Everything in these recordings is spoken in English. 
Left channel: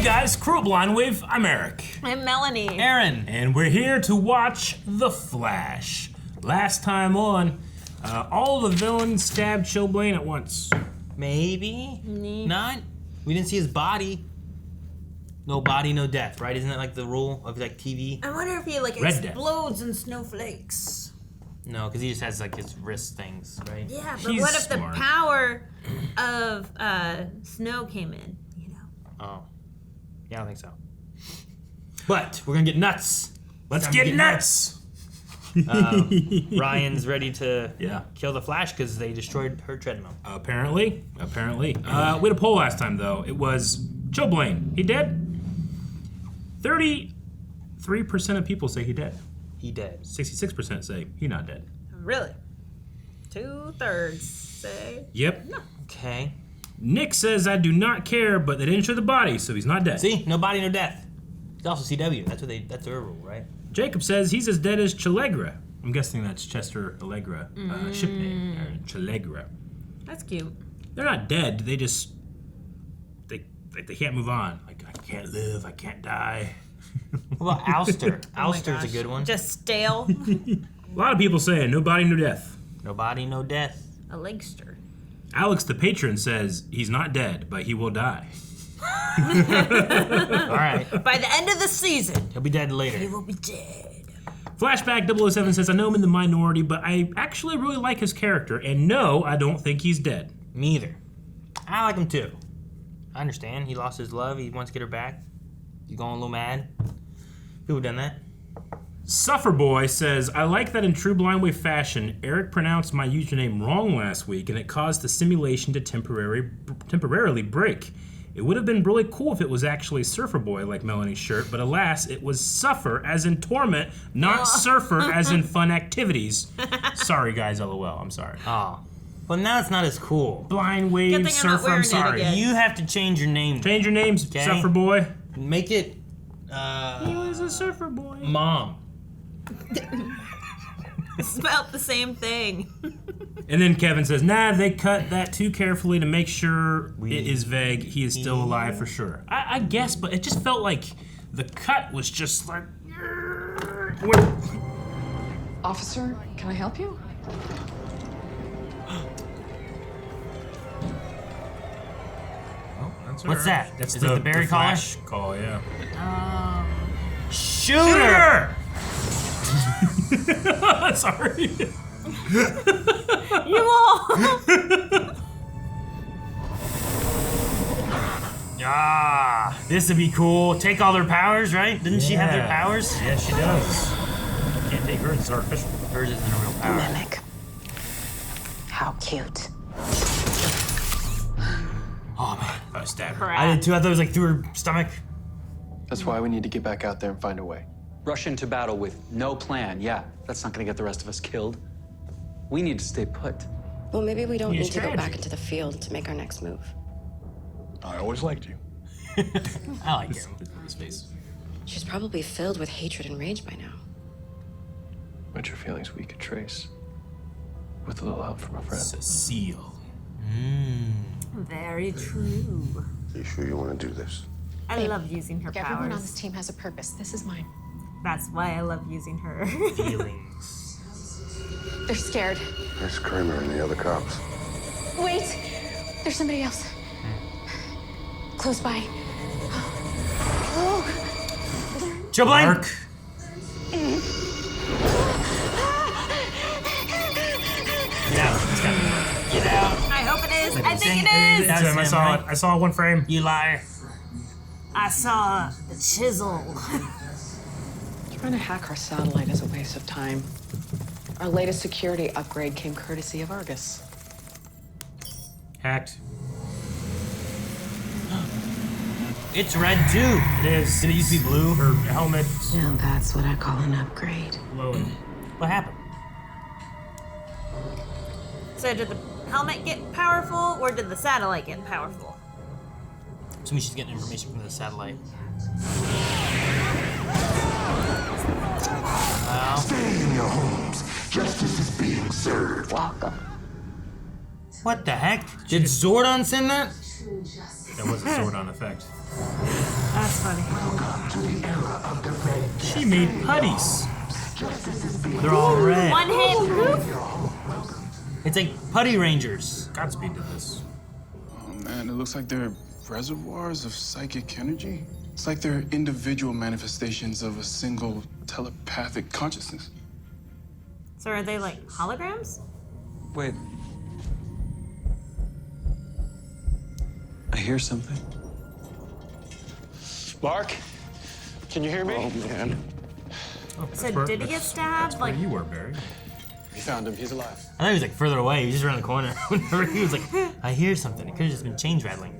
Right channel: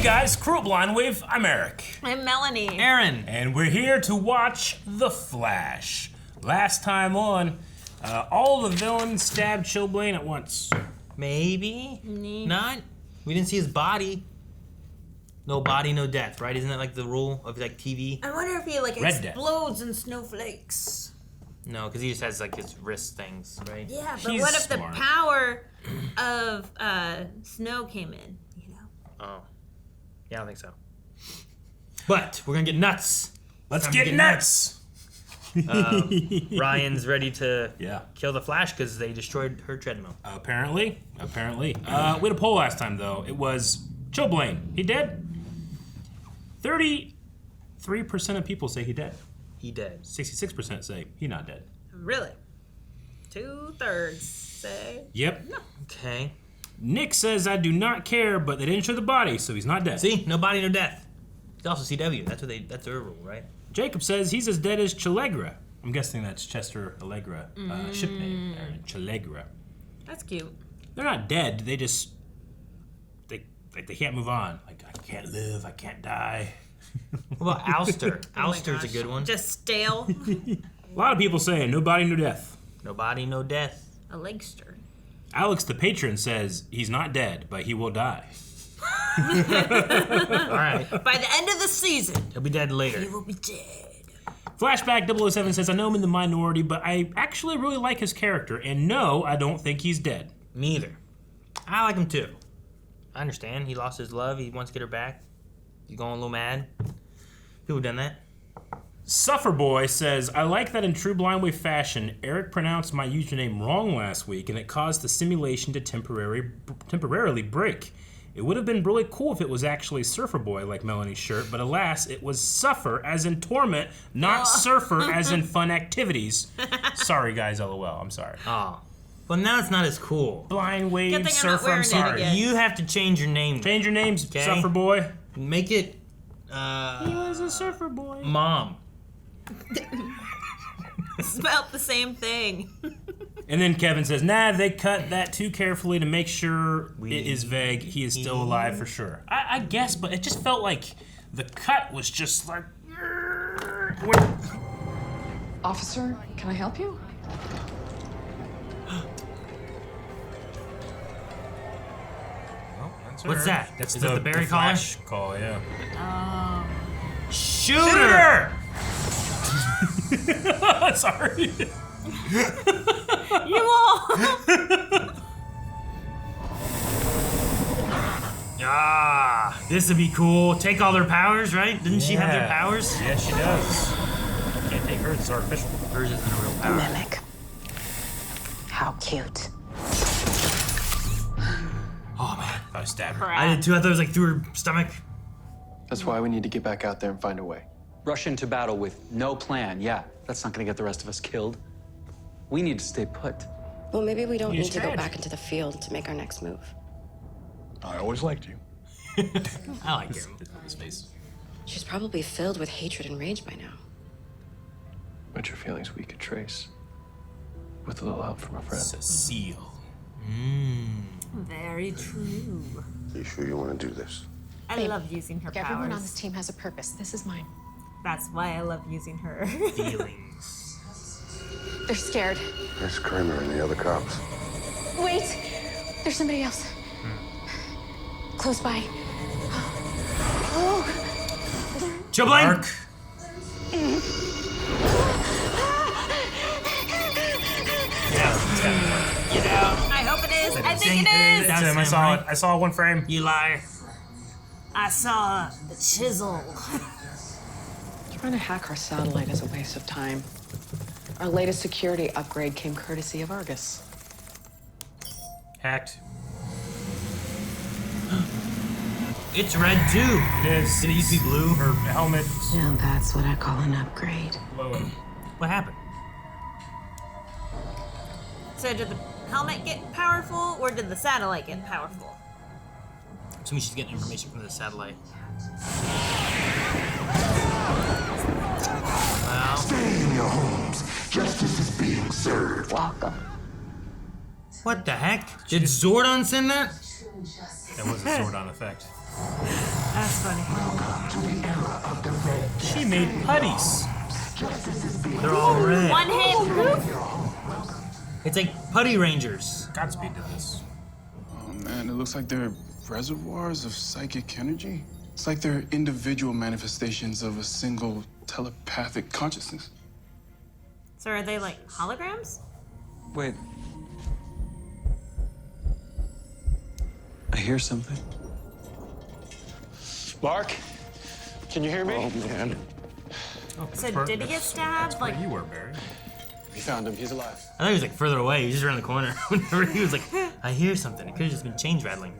Hey guys, Crew Blind Wave, I'm Eric. I'm Melanie. Aaron. And we're here to watch The Flash. Last time on, all the villains stabbed Chillblaine at once. Maybe? Not? We didn't see his body. No body, no death, right? Isn't that like the rule of like TV? I wonder if he like Red explodes in snowflakes. No, because he just has like his wrist things, right? Yeah, but He's what if smart. the power of snow came in, you know? Oh. Yeah, I don't think so. But we're gonna get nuts. Let's get nuts! Ryan's ready to Yeah. kill the Flash because they destroyed her treadmill. Apparently. We had a poll last time though. It was Chillblaine, he dead? 33% of people say he dead. He dead. 66% say he not dead. Really? 2/3 say. Yep. Okay. Nick says I do not care, but they didn't show the body, so he's not dead. See? No body, no death. He's also CW. That's their rule, right? Jacob says he's as dead as Chillegra. I'm guessing that's Chester Allegra ship name. Chillegra. That's cute. They're not dead. They just they can't move on. Like I can't live. I can't die. What about Ouster? Oh my Ouster's a gosh. good one. Just stale. A lot of people saying no body, no death. No body, no death. A legster. Alex the patron says he's not dead, but he will die. All right. By the end of the season, He'll be dead he later. will be dead. Flashback 007 says I know I'm in the minority, but I actually really like his character, and no, I don't think he's dead. Me either. I like him too. I understand. He lost his love. He wants to get her back. He's going a little mad. People done that. Sufferboy says, I like that in true Blind Wave fashion, Eric pronounced my username wrong last week and it caused the simulation to temporarily break. It would have been really cool if it was actually Surfer Boy like Melanie's shirt, but alas, it was Suffer as in torment, not Surfer as in fun activities. Sorry guys, LOL, I'm sorry. Oh. Well, now it's not as cool. Blind Wave, Good thing I'm not Surfer, I'm wearing it sorry. again. You have to change your name. Change your names, Okay. Suffer Boy. Make it, He was a Surfer Boy. Mom. Spelled the same thing. And then Kevin says, nah, they cut that too carefully to make sure it is vague. He is still alive for sure. I guess, but it just felt like the cut was just like... Officer, can I help you? Oh, that's What's her. that? That's Is that the Barry caller? Flash call, yeah. Shooter! Sorry. You all. Ah, this would be cool. Take all their powers, right? Doesn't she have their powers? Yeah, she does. Can't take her, it's artificial. Hers is the real power. Mimic. How cute. Oh, man. I stabbed her. I did too. I thought it was like through her stomach. That's why we need to get back out there and find a way. Rush into battle with no plan. Yeah, that's not gonna get the rest of us killed. We need to stay put. Well, maybe we don't New need to go strategy. back into the field to make our next move. I always liked you. I like his face. She's probably filled with hatred and rage by now. But your feelings we could trace with a little help from a friend. Cecile. Very true. You sure you want to do this? I love using her Everyone on powers. this team has a purpose. This is mine. That's why I love using her. Feelings. They're scared. There's Kramer and the other cops. Wait! There's somebody else. Close by. Oh! Chillblaine! Mark. Get out. I hope it is. I think it is. That's him, I saw it. I saw one frame. You liar. I saw the chisel. Trying to hack our satellite is a waste of time. Our latest security upgrade came courtesy of Argus. Hacked. It's red too. It is. Did it used to be blue? Her helmet. Now that's what I call an upgrade. Glowing. What happened? So did the helmet get powerful, or did the satellite get powerful? So we should get information from the satellite. Stay in your homes. Justice is being served. Welcome. What the heck? Did Zordon send that? That was a sword on effect. That's funny. She made putties. They're all red. One hit, poof. It's like Putty Rangers. Godspeed to this. Oh man, it looks like they're reservoirs of psychic energy. It's like they're individual manifestations of a single telepathic consciousness. So are they like holograms? Wait. I hear something. Mark, can you hear me? Oh man. So did he get stabbed? Like, You were buried. We found him. He's alive. I thought he was like further away. He was just around the corner. Whenever he was like, I hear something. It could have just been chains rattling.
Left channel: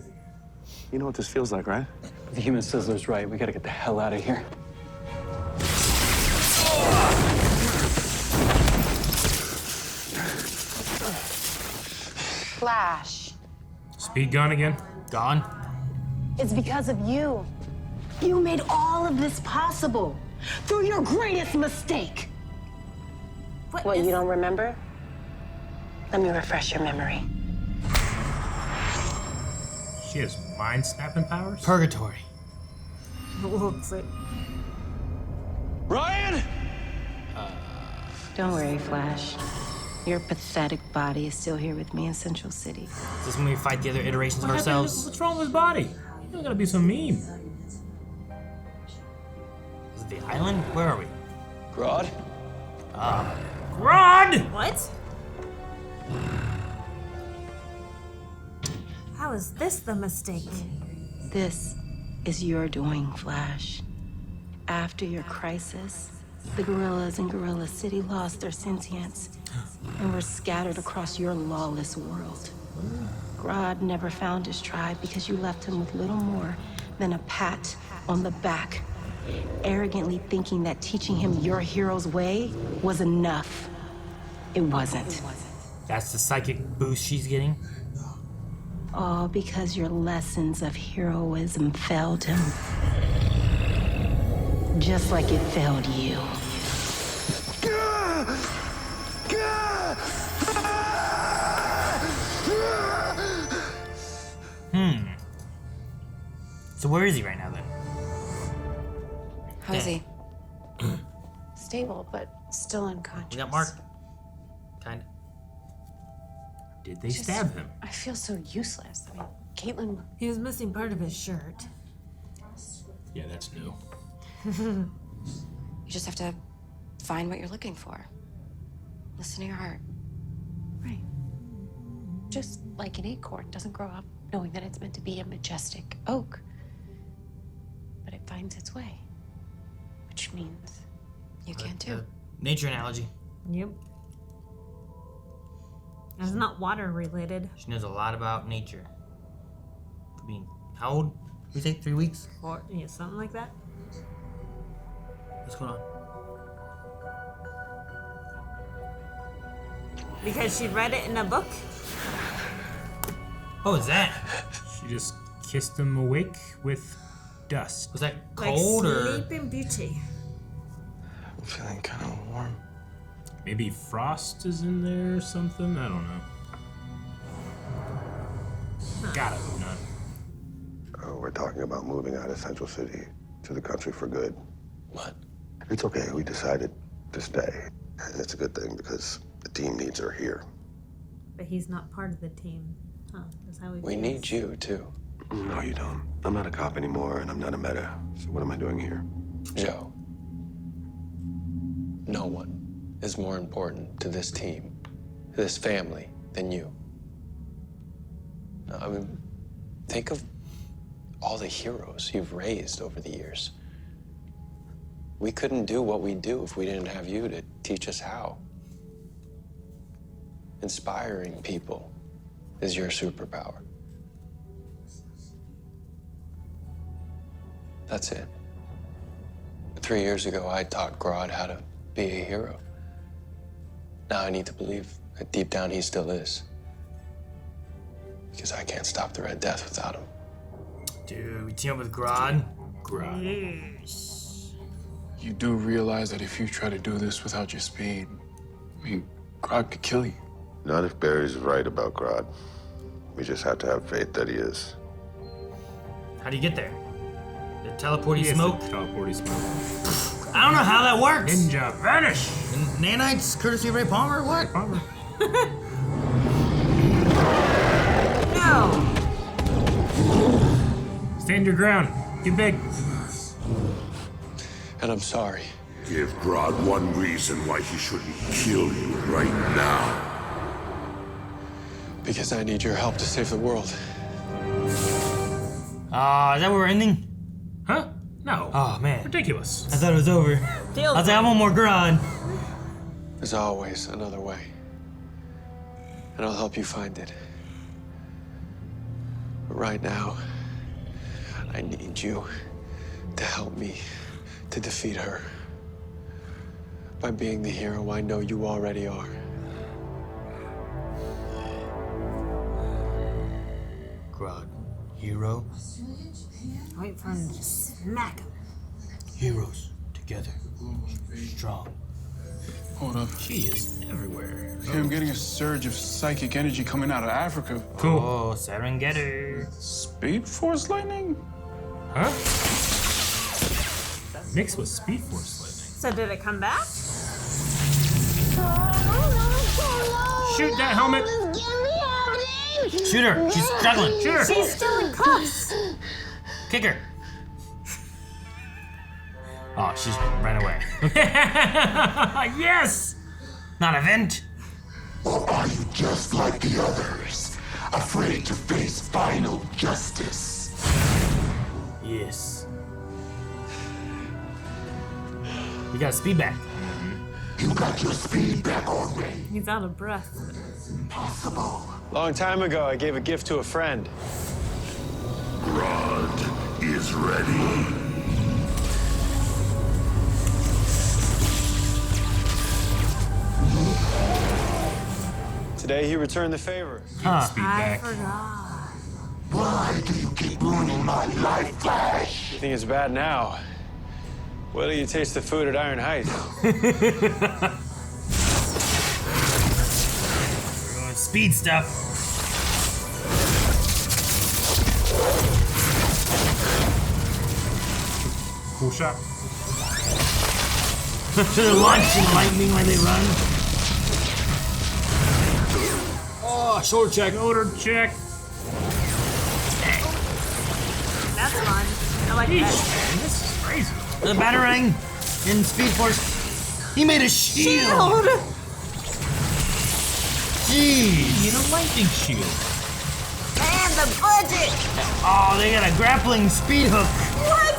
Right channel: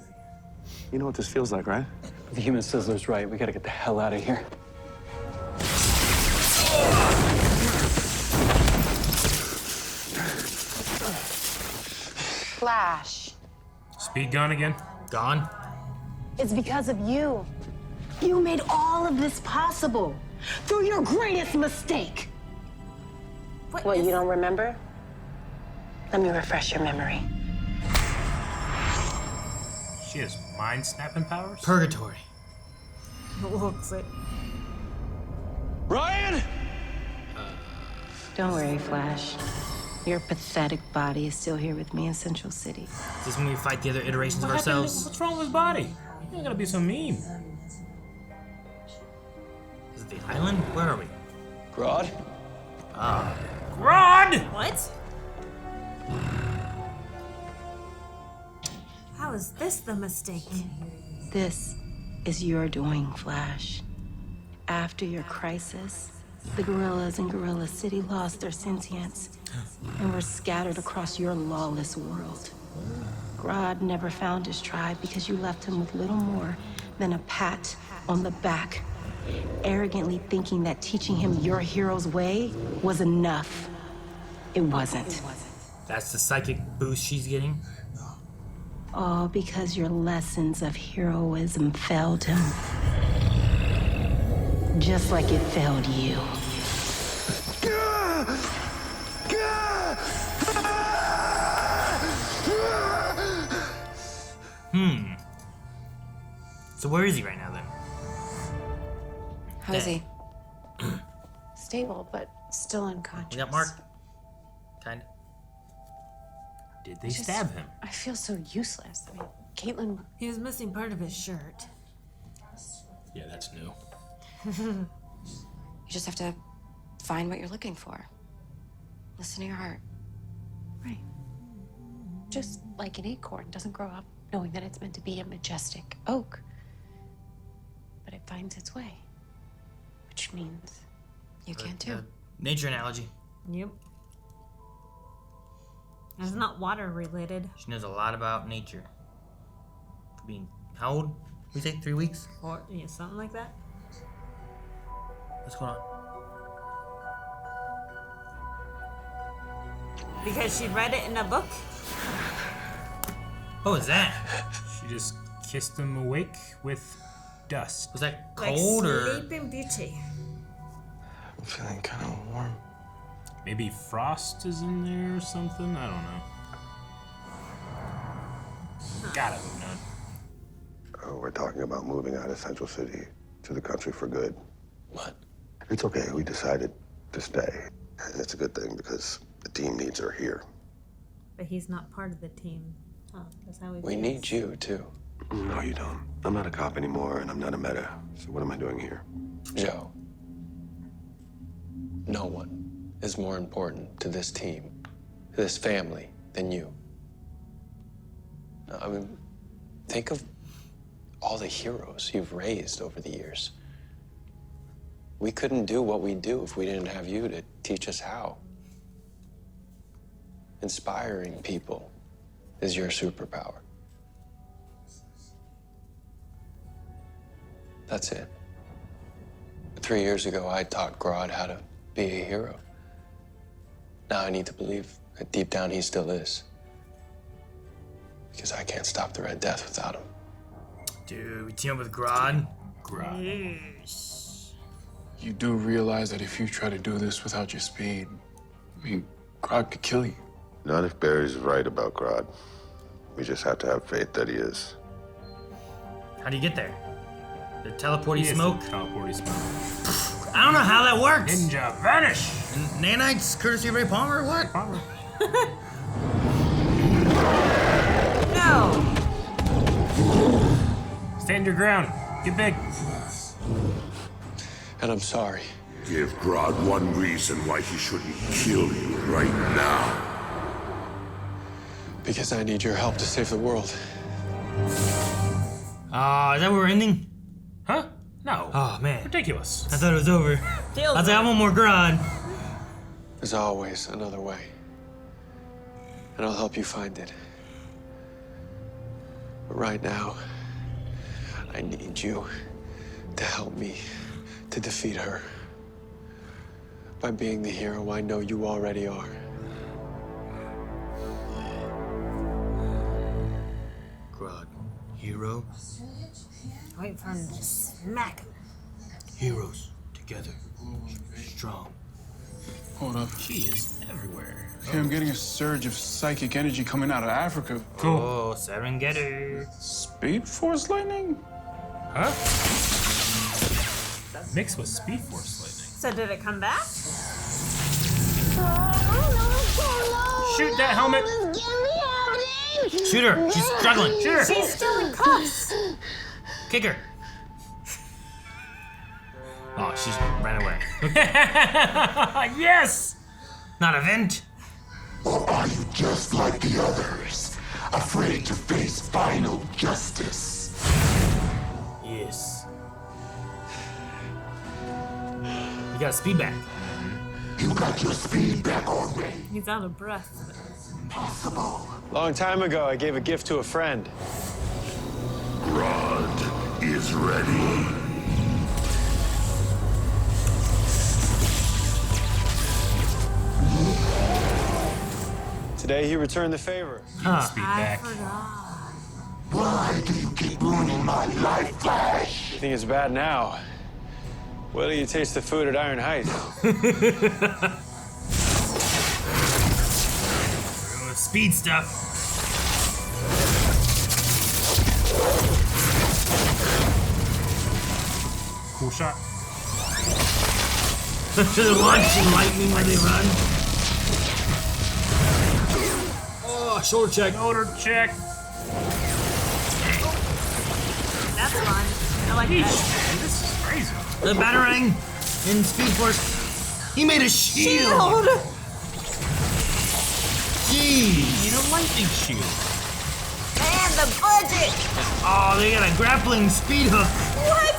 You know what this feels like, right? The human sizzler's right. We gotta get the hell out of here. Flash. Speed gone again? Gone. It's because of you. You made all of this possible through your greatest mistake. What, you don't remember? Let me refresh your memory. She has mind snapping powers? Purgatory. looks like. Ryan! Don't worry, Flash. Your pathetic body is still here with me in Central City. Is this when we fight the other iterations of ourselves? What's wrong with his body? You don't gotta be so mean. Is it the island? Where are we? Grodd? Grodd! What? How is this the mistake? This is your doing, Flash. After your crisis, the gorillas in Gorilla City lost their sentience and were scattered across your lawless world. Grodd never found his tribe because you left him with little more than a pat on the back, arrogantly thinking that teaching him your hero's way was enough. It wasn't. That's the psychic boost she's getting? All because your lessons of heroism failed him. Just like it failed you. So where is he right now then? How is he? Stable, but still unconscious. You got Mark? Kinda. Did they stab him? I feel so useless. I mean, Caitlin. He was missing part of his shirt. Yeah, that's new. You just have to find what you're looking for. Listen to your heart. Right. Just like an acorn doesn't grow up knowing that it's meant to be a majestic oak. But it finds its way. Which means You can too. Nature analogy. Yep. It's not water related. She knows a lot about nature. For being, how old? You say 3 weeks? Or yeah, something like that. What's going on? Because she read it in a book. What was that? She just kissed him awake with dust. Was that Like cold or? Sleeping Beauty. I'm feeling kind of warm. Maybe frost is in there or something? I don't know. Gotta hope not. We're talking about moving out of Central City to the country for good. What? It's okay. We decided to stay. And it's a good thing because the team needs her here. But he's not part of the team. Huh, that's how We need you, too. No, you don't. I'm not a cop anymore, and I'm not a meta. So what am I doing here? Joe. No one is more important to this team, to this family, than you. I mean, think of all the heroes you've raised over the years. We couldn't do what we do if we didn't have you to teach us how. Inspiring people is your superpower. That's it. 3 years ago, I taught Grodd how to be a hero. Now I need to believe that deep down he still is. Because I can't stop the Red Death without him. Dude, we team up with Grodd. Yes. You do realize that if you try to do this without your speed, I mean, Grodd could kill you. Not if Barry's right about Grodd. We just have to have faith that he is. How do you get there? The teleporty smoke? Teleporty smoke. I don't know how that works. Ninja, vanish! Nanites, courtesy of Ray Palmer, what? Palmer. No! Stand your ground. Get big. And I'm sorry. Give Grodd one reason why he shouldn't kill you right now. Because I need your help to save the world. Is that where we're ending? Huh? No. Oh, man. Ridiculous. I thought it was over. Feels I was like, I want more Grodd. There's always another way. And I'll help you find it. But right now, I need you to help me to defeat her. By being the hero I know you already are. Grodd, hero. Wait for him to smack him. Heroes together, strong. Hold up. She is everywhere. Okay, I'm getting a surge of psychic energy coming out of Africa. Cool. Oh, Serengeti. Speedforce lightning? Huh? Mixed with Speedforce lightning. So did it come back? Shoot that helmet! Shoot her. She's struggling. Shoot her. She's still in cuffs. Kick her. Oh, she's ran away. Yes! Not a vent. Or are you just like the others, afraid to face final justice? Yes. You got speed back. You got your speed back already. He's out of breath. Impossible. Long time ago, I gave a gift to a friend. Grodd is ready. Today, he returned the favor. Speed I back. forgot. Why do you keep ruining my life, Flash? You think it's bad now? Wait till you taste the food at Iron Heights. Speed stuff. Cool shot. Should've launched lightning when they run. Oh, shoulder check. Shoulder check. That's fun. I like that. This is crazy. The Batarang in Speedforce. He made a shield. Shield! Jeez. You know, lightning shield. Man, the budget! Oh, they got a grappling speed hook. What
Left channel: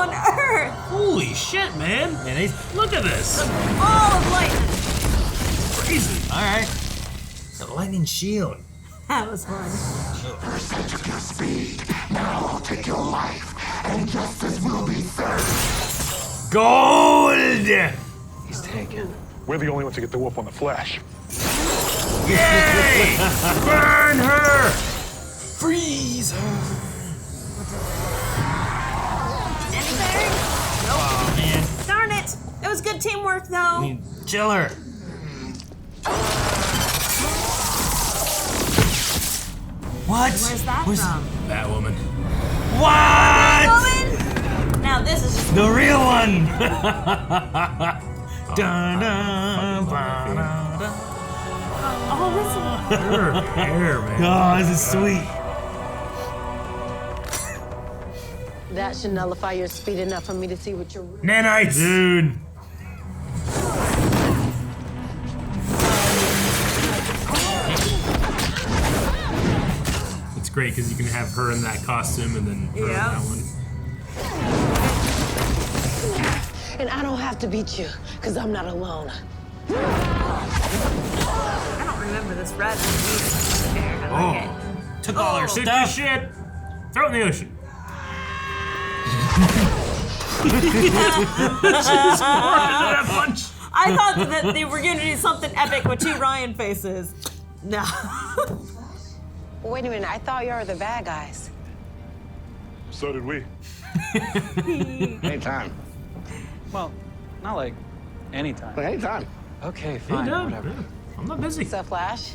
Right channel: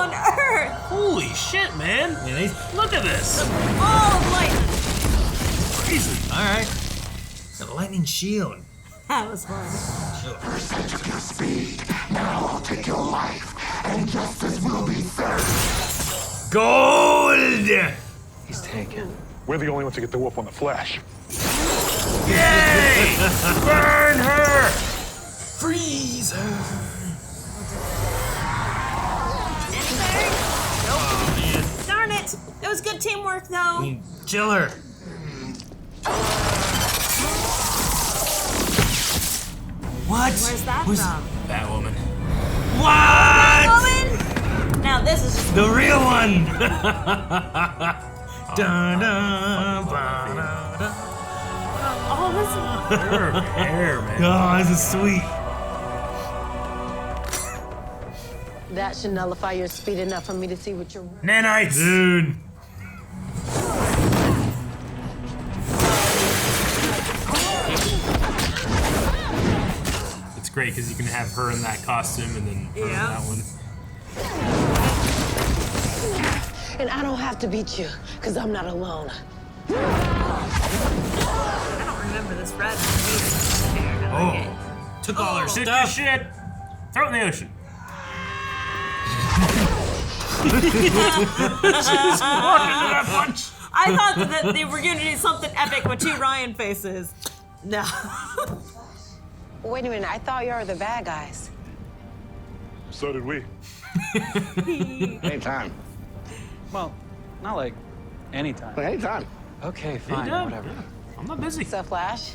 on earth? Holy shit, man. Yeah, they. Look at this. All of lightning. Crazy. All right. The lightning shield. That was fun. First I took your speed, now I'll take your life, and justice will be served. Gold. He's taken. We're the only ones to get the whoop on the Flash. Yay! Burn her! Freeze her. Anything? Nope. Oh, man. Darn it. It was good teamwork, though. Chill her. What? Where's that from? Batwoman. What? Woman? Now this is just The real one. oh, this is Her hair, man. Oh, this is sweet. That should nullify your speed enough for me to see what you're. Nanites! Dude. It's great because you can have her in that costume and then her in Yeah. that one. And I don't have to beat you, because I'm not alone. I don't remember this red music. I like it. Took all her Took your stuff. shit. Throw it in the ocean. I thought that they were going to do something epic with two Ryan faces. No. Wait a minute, I thought you were the bad guys. So did we. Anytime. Well, not like anytime. Anytime. Okay, fine, Anytime. whatever. I'm not busy. So, Flash,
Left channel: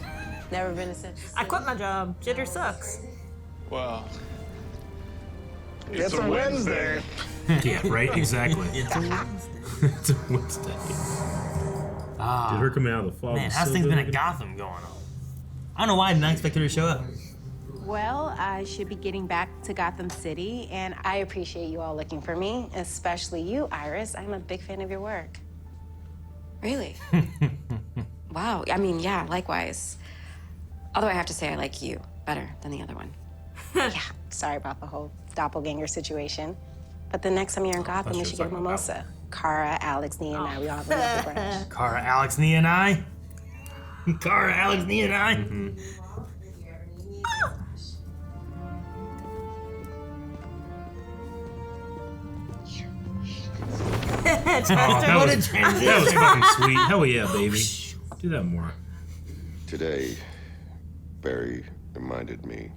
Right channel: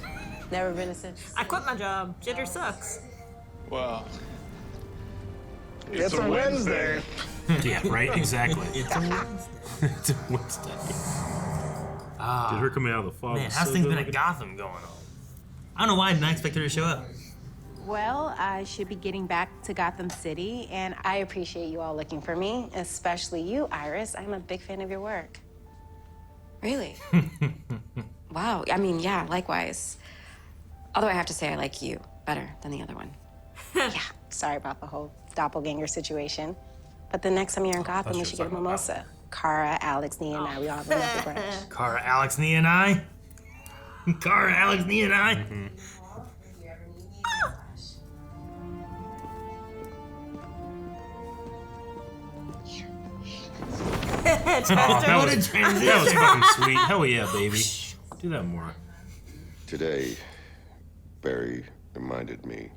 Never been a since. I quit my job. Jitter sucks. Well, It's a Wednesday. Yeah, right? Exactly. It's a Wednesday. Did her come out of the fog? Man, how's things been at Gotham going on? I don't know why I didn't expect her to show up. Well, I should be getting back to Gotham City, and I appreciate you all looking for me, especially you, Iris. I'm a big fan of your work. Really? Wow. I mean, yeah, likewise. Although I have to say I like you better than the other one. Yeah, sorry about the whole doppelganger situation. But the next time you're in Gotham, we should get a mimosa. Kara, Alex, Nia, and I, we all have a lovely brunch. Kara, Alex, Nia, and I? Kara, Alex, Nia, and I? Mm-hmm. Oh, what a transition. That was fucking sweet. Hell yeah, baby. Do that more. Today, Barry reminded me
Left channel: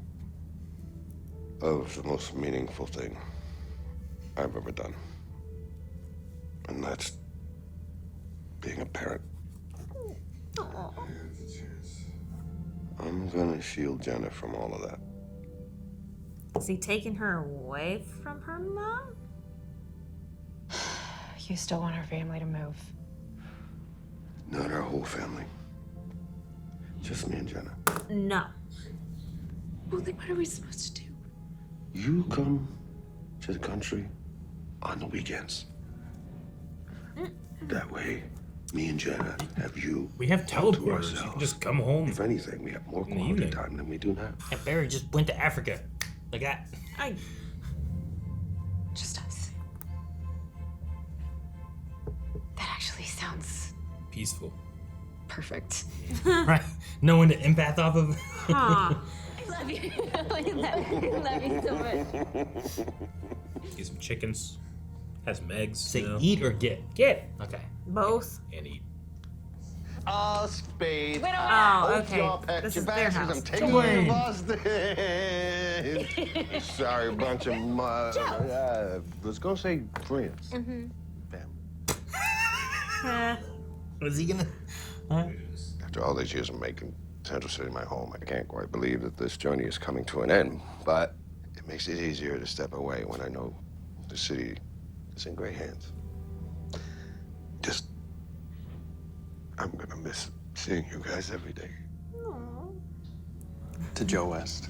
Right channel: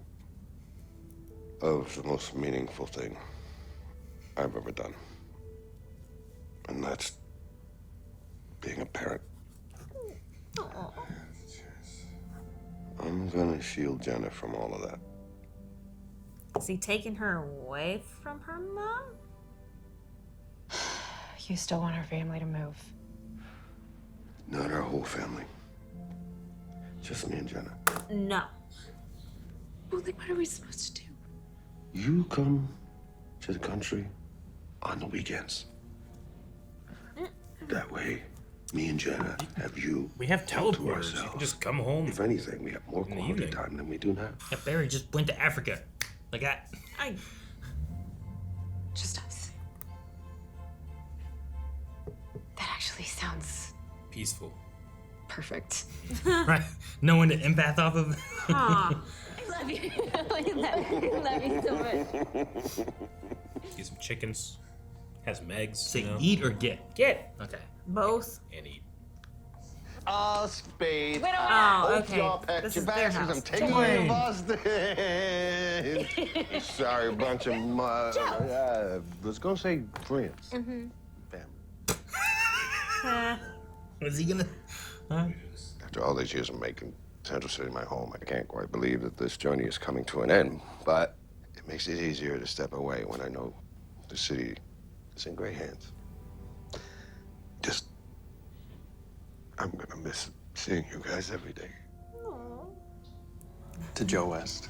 of the most meaningful thing I've ever done. And that's being a parent. Aww. I'm gonna shield Jenna from all of that. Is he taking her away from her mom? You still want our family to move? Not our whole family. Just me and Jenna. No. Well, then what are we supposed to do? You come to the country on the weekends. That way, me and Jenna have you. We have all to teleporters. You ourselves. can just come home. If anything, we have more quality time than we do now. Yeah, Barry just went to Africa. Like that. Just us. That actually sounds peaceful. perfect. Right? No one to empath off of. Huh. I love you. I love you so much. Get some chickens. Have some eggs. Say you know? eat or get? Get. Okay. Both. And eat. Spade. Oh, Hope okay. y'all packed This your is their bags 'cause house. I'm taking you to Boston. Sorry, bunch of let's go say friends. Mm-hmm. Family. Was he gonna? After all these years of making Central City my home, I can't quite believe that this journey is coming to an end. But it makes it easier to step away when I know the city is in great hands. I'm gonna miss seeing you guys every day. To Joe West.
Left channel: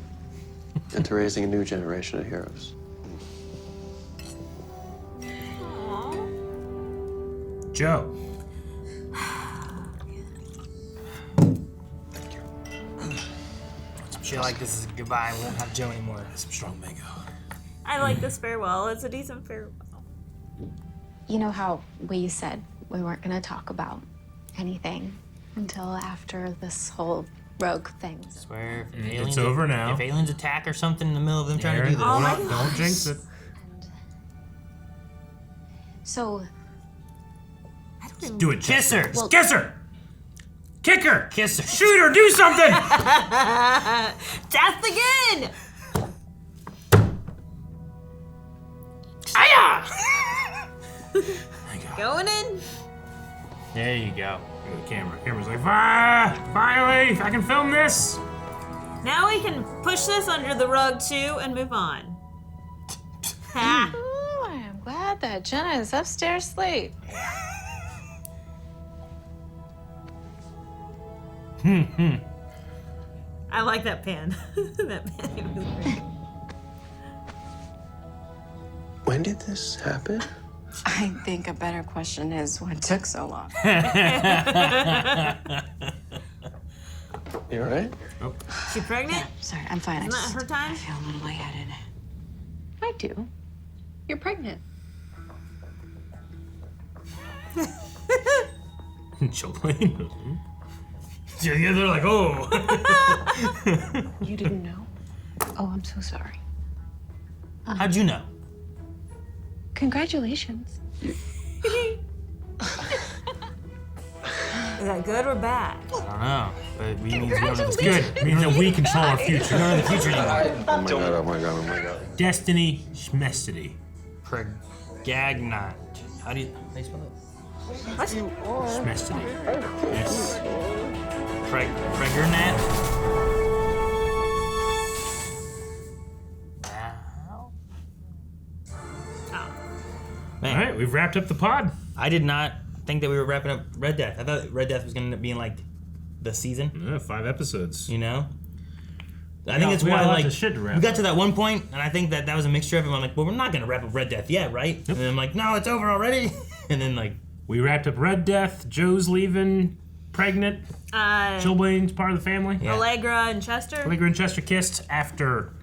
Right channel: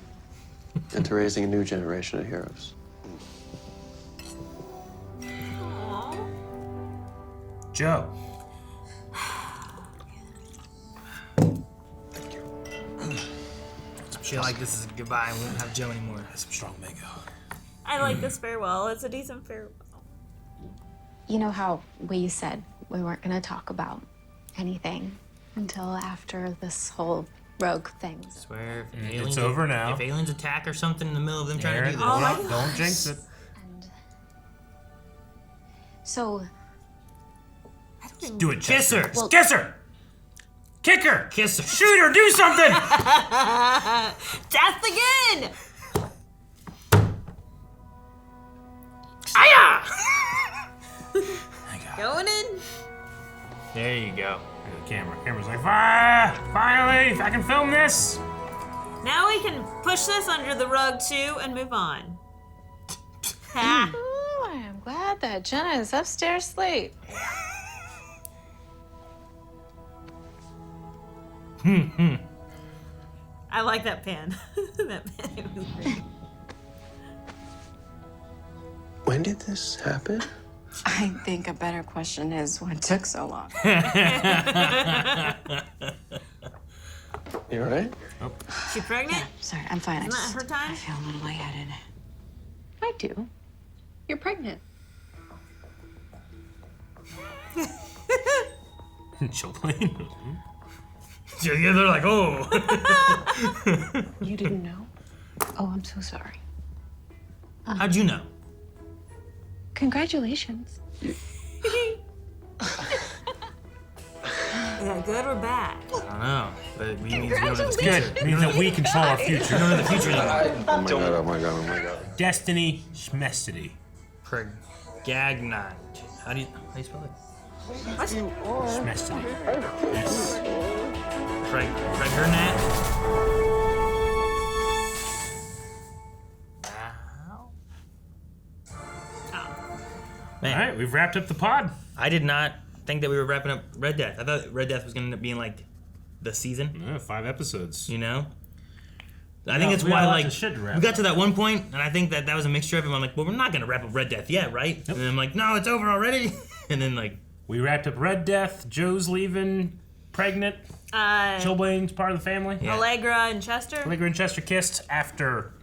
And to raising a new generation of heroes. Joe. I feel like this is goodbye. We won't have Joe anymore. Some strong mango. I like this farewell. It's a decent farewell. You know how we said we weren't going to talk about anything until after this whole rogue thing. I swear, if It's aliens, over now. If aliens attack or something in the middle of them trying to do this, Oh my Don't jinx it. So, Do it, kiss her. Well- Kiss her. Kick her. Kiss her. Shoot her. Do something. Death again! Aya! Going in? There you go. Look at the camera. Camera's like, finally, if I can film this. Now we can push this under the rug too and move on. Ha! Oh, I am glad that Jenna is upstairs asleep. I like that pan. That pan was great. When did this happen? I think a better question is what took so long. You all right? She pregnant? Sorry, I'm fine. Isn't that her time? I feel a little lightheaded. I do. You're pregnant. Chillblaine. Yeah, they're like, oh. You didn't know? Oh, I'm so sorry. How'd you know? Congratulations. Is that good or bad? I don't know. But it's good. It means that we control our future. None of the future. Oh my god, oh my god, oh my god. Destiny schmestity. Pregagnant. How do you spell it? What? Smashed it. Yes. Right her nap. Man. All right, we've wrapped up the pod. I did not think that we were wrapping up Red Death. I thought Red Death was going to end up being like the season. Yeah, 5 episodes. You know? I think it's why, like, we got to that one point, and I think that was a mixture of it. I'm like, well, we're not going to wrap up Red Death yet, right? Yep. And then I'm like, no, it's over already. And then, like... We wrapped up Red Death, Joe's leaving, pregnant, Chillblaine's part of the family. Yeah. Allegra and Chester. Allegra and Chester kissed after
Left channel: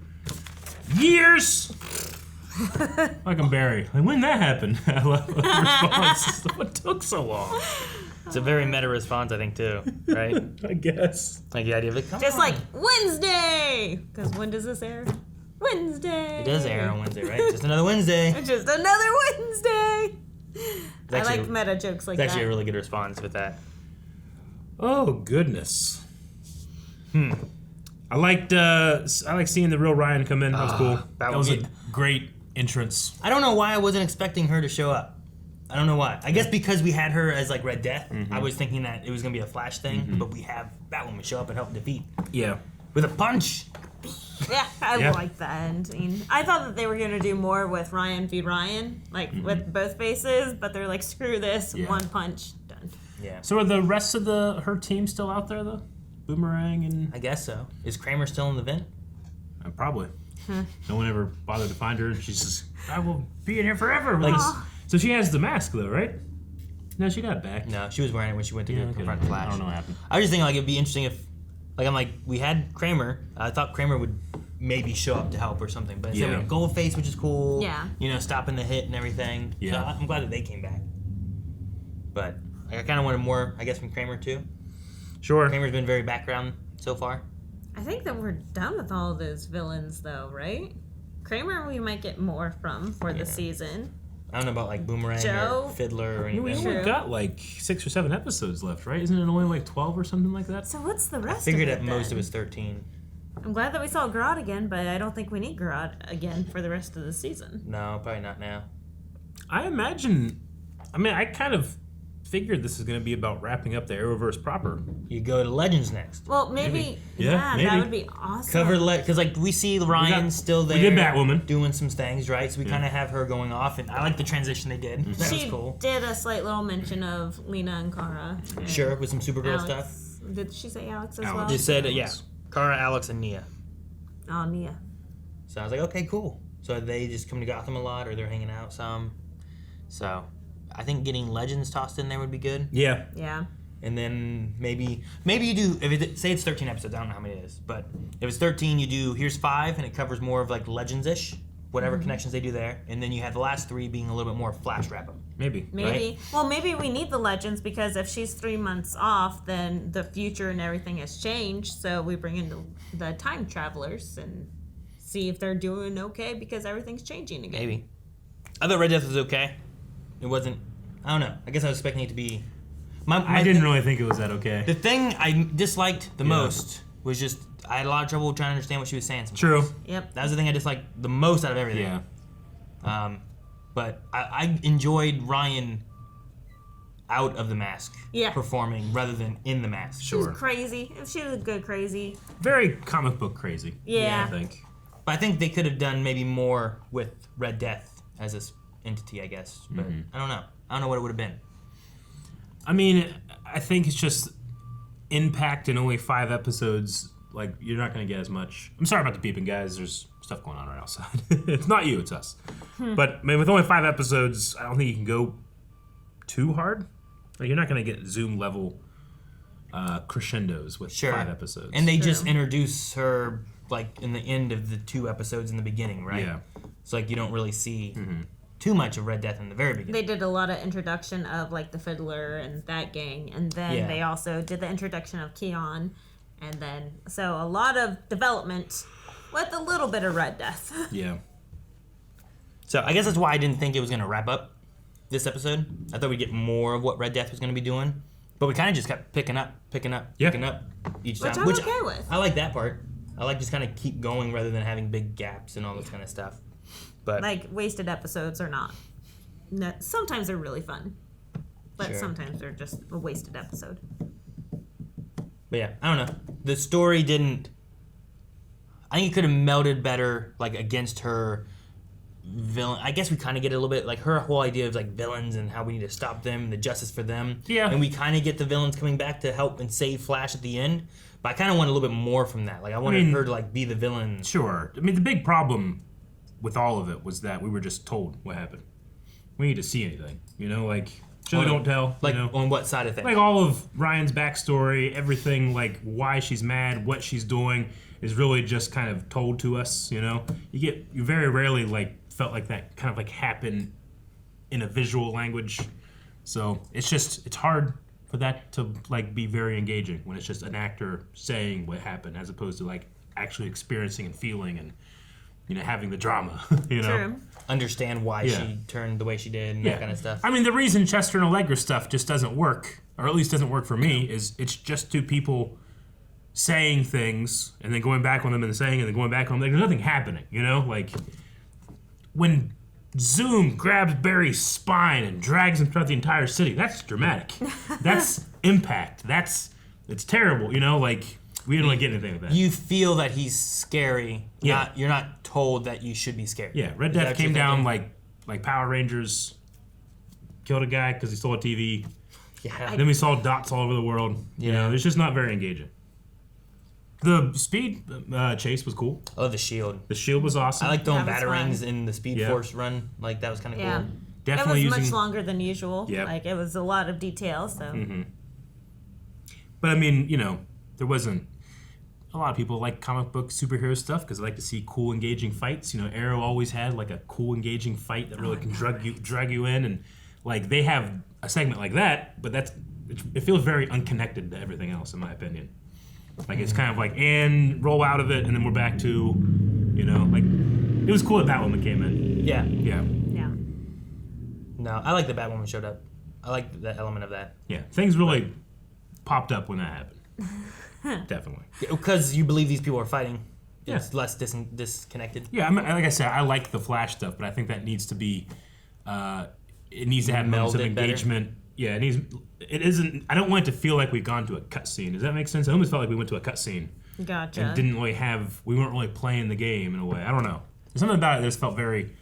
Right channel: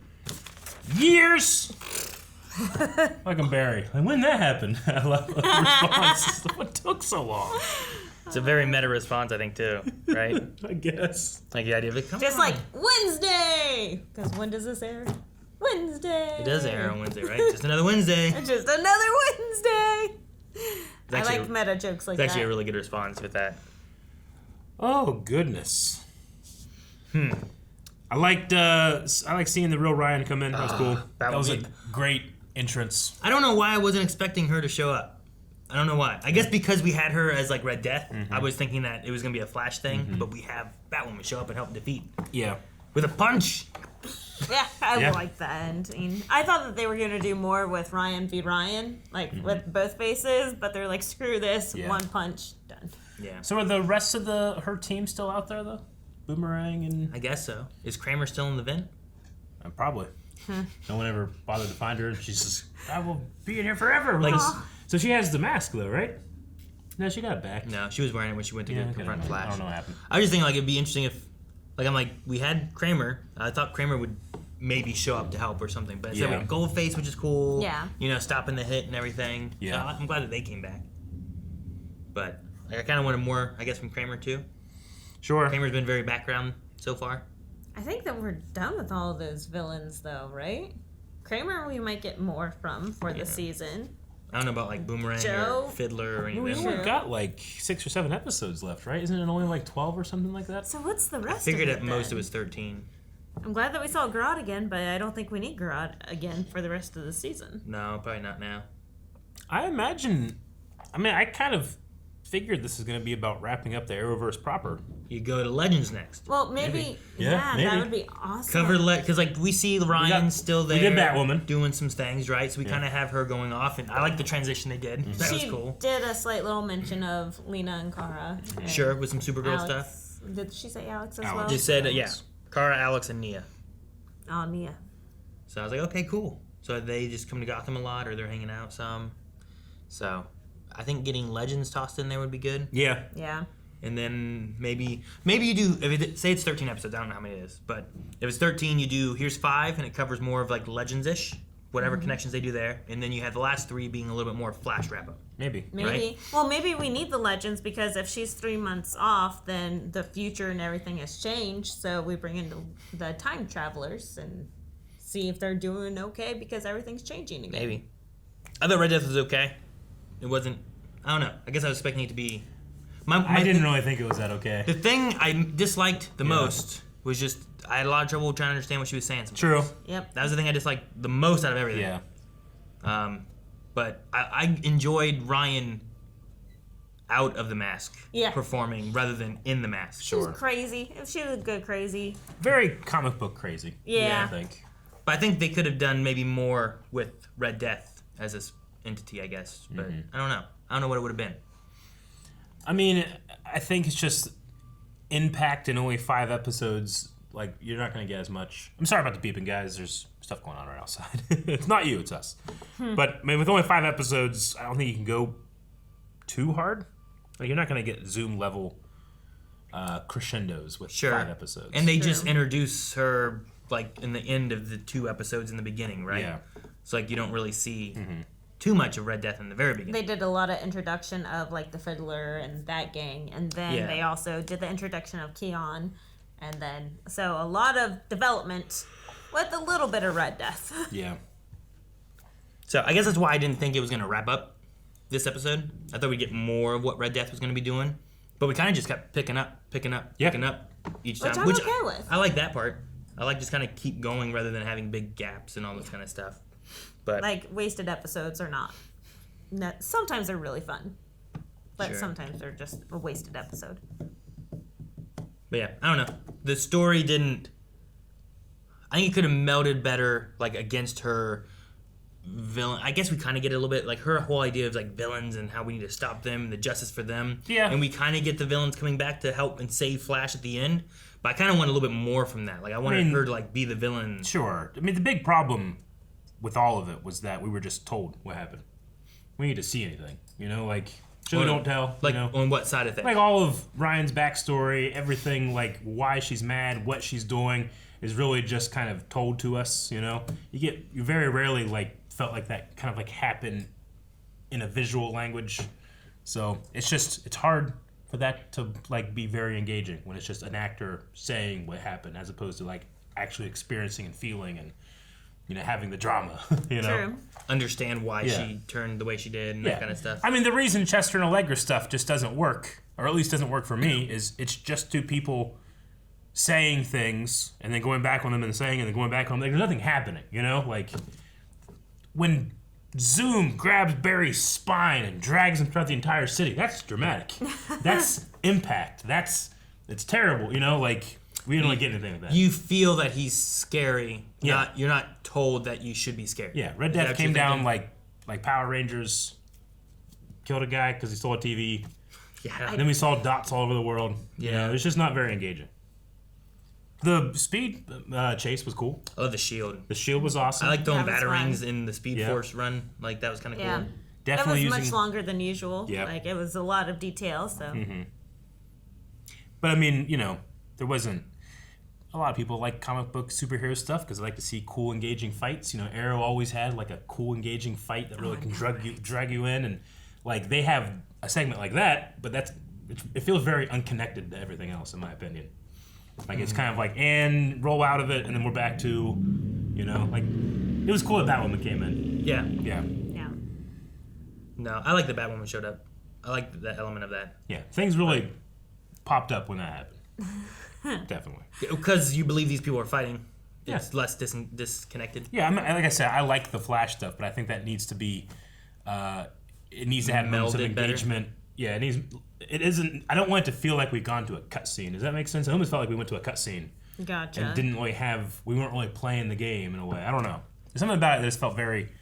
years. Fucking Barry. Like, when did that happen? I love the response. What took so long? It's a very meta response, I think, too, right? I guess. Like the idea of it. Just like Wednesday! Because when does this air? Wednesday! It does air on Wednesday, right? Just another Wednesday. Just another Wednesday! I like meta jokes like that. It's actually a really good response with that. Oh, goodness. I liked seeing the real Ryan come in. That was cool. That was a great entrance. I don't know why I wasn't expecting her to show up. I don't know why. I guess because we had her as like Red Death, I was thinking that it was gonna be a Flash thing, but we have Batwoman show up and help defeat. Yeah. With a punch. Yeah, I like that ending. I thought that they were gonna do more with Ryan v. Ryan, like with both faces, but they're like, screw this, one punch, done. Yeah. So are the rest of her team still out there though? Boomerang and... I guess so. Is Kramer still in the vent? Probably. No one ever bothered to find her, and she's just, I will be in here forever. Like, so she has the mask though, right? No, she got it back. No, she was wearing it when she went to confront the Flash. I don't know what happened. I was just thinking like it'd be interesting if, like, I'm like, we had Kramer. I thought Kramer would maybe show up to help or something, but instead we had Goldface, which is cool. Yeah. You know, stopping the hit and everything. Yeah. So I'm glad that they came back. But like, I kind of wanted more, I guess, from Kramer too. Sure. Kramer's been very background so far. I think that we're done with all of those villains though, right? Kramer we might get more from for the season. I don't know about like Boomerang Joe? or Fiddler or anything. We only got like 6 or 7 episodes left, right? Isn't it only like 12 or something like that? So what's the rest I figured of it at most then? it was 13. I'm glad that we saw Grodd again, but I don't think we need Grodd again for the rest of the season. No, probably not now. I imagine... I mean, I kind of figured this is going to be about wrapping up the Arrowverse proper. You go to Legends next. Well, maybe. Yeah, that would be awesome. Cover because like we see Ryan still there. We did Batwoman doing some things, right? So we kind of have her going off, and I like the transition they did. That was cool. Did a slight little mention of Lena and Kara. And Sure, with some Supergirl Alex. stuff. Did she say Alex as well? Just said yeah, Kara, Alex, and Nia. Oh, Nia. So I was like, okay, cool. So they just come to Gotham a lot, or they're hanging out some. So I think getting Legends tossed in there would be good. Yeah. Yeah. And then maybe you do, say it's 13 episodes, I don't know how many it is, but if it's 13, you do, here's 5, and it covers more of like Legends-ish, whatever connections they do there, and then you have the last 3 being a little bit more Flash wrap-up. Maybe. Right? Well, maybe we need the Legends, because if she's 3 months off, then the future and everything has changed, so we bring in the time travelers and see if they're doing okay, because everything's changing again. Maybe. I thought Red Death was okay. It wasn't, I don't know, I guess I was expecting it to be... I didn't really think it was that okay. The thing I disliked the most was just, I had a lot of trouble trying to understand what she was saying sometimes. True. Yep. That was the thing I disliked the most out of everything. Yeah. But I enjoyed Ryan out of the mask performing rather than in the mask. She was crazy. She was a good crazy. Very comic book crazy. Yeah. I think. But I think they could have done maybe more with Red Death as this entity, I guess. But I don't know. I don't know what it would have been. I mean, I think it's just impact in only 5 episodes. Like, you're not going to get as much. I'm sorry about the beeping, guys. There's stuff going on right outside. It's not you, it's us. But I mean, with only 5 episodes, I don't think you can go too hard. Like, you're not going to get Zoom level crescendos with 5 episodes. And they just introduce her like in the end of the 2 episodes in the beginning, right? Yeah. It's like you don't really see too much of Red Death in the very beginning. They did a lot of introduction of like the Fiddler and that gang, and then they also did the introduction of Khione, and then so a lot of development with a little bit of Red Death. Yeah. So I guess that's why I didn't think it was going to wrap up this episode. I thought we'd get more of what Red Death was going to be doing, but we kind of just kept picking up each time. Which I'm okay with. I like that part. I like just kind of keep going rather than having big gaps and all this kind of stuff. But like wasted episodes are not. Sometimes they're really fun. But Sure. sometimes they're just a wasted episode. But yeah, I don't know. The story didn't. I think it could have melded better, like against her villain. I guess we kind of get a little bit like her whole idea of like villains and how we need to stop them and the justice for them. Yeah. And we kind of get the villains coming back to help and save Flash at the end. But I kind of want a little bit more from that. Like I wanted her to like be the villain. Sure. I mean, the big problem with all of it was that we were just told what happened. We need to see anything, you know, like show don't tell. Like you know? on what side of things? Like all of Ryan's backstory, everything, like why she's mad, what she's doing, is really just kind of told to us. You know, you very rarely like felt like that kind of like happened in a visual language. So it's hard for that to like be very engaging when it's just an actor saying what happened as opposed to like actually experiencing and feeling and, you know, having the drama. You know, True. Understand why she turned the way she did and that kind of stuff. I mean, the reason Chester and Allegra stuff just doesn't work, or at least doesn't work for me, is it's just two people saying things and then going back on them and saying and then going back on them. Like, there's nothing happening, you know? Like, when Zoom grabs Barry's spine and drags him throughout the entire city, that's dramatic. That's impact. It's terrible, you know? Like, we don't really get anything with that. You feel that he's scary. Yeah. You're not told that you should be scared. Yeah, Red Death came down like Power Rangers, killed a guy because he stole a TV. Yeah. Then we saw dots all over the world. You know, it's just not very engaging. The speed chase was cool. Oh, the shield. The shield was awesome. I like throwing That was batarangs fun. in the Speedforce run. Like, that was kind of Yeah. cool. Definitely it was using, much longer than usual. Yeah. Like, it was a lot of detail, so. Mm-hmm. But, I mean, you know, there wasn't... A lot of people like comic book superhero stuff because they like to see cool, engaging fights. You know, Arrow always had, like, a cool, engaging fight that really can drag you in. And, like, they have a segment like that, but it feels very unconnected to everything else, in my opinion. Like, it's kind of like, and roll out of it, and then we're back to, you know, like, it was cool that Batwoman came in. Yeah. Yeah. Yeah. No, I like that Batwoman showed up. I like that element of that. Yeah. Things really popped up when that happened. Definitely. Because you believe these people are fighting. Yeah. It's less disconnected. Yeah, I mean, like I said, I like the Flash stuff, but I think that needs to be, it needs to have moments of Melded better. engagement. Yeah, it isn't, I don't want it to feel like we've gone to a cutscene. Does that make sense? I almost felt like we went to a cutscene. Gotcha. And we weren't really playing the game in a way. I don't know. There's something about it that just felt very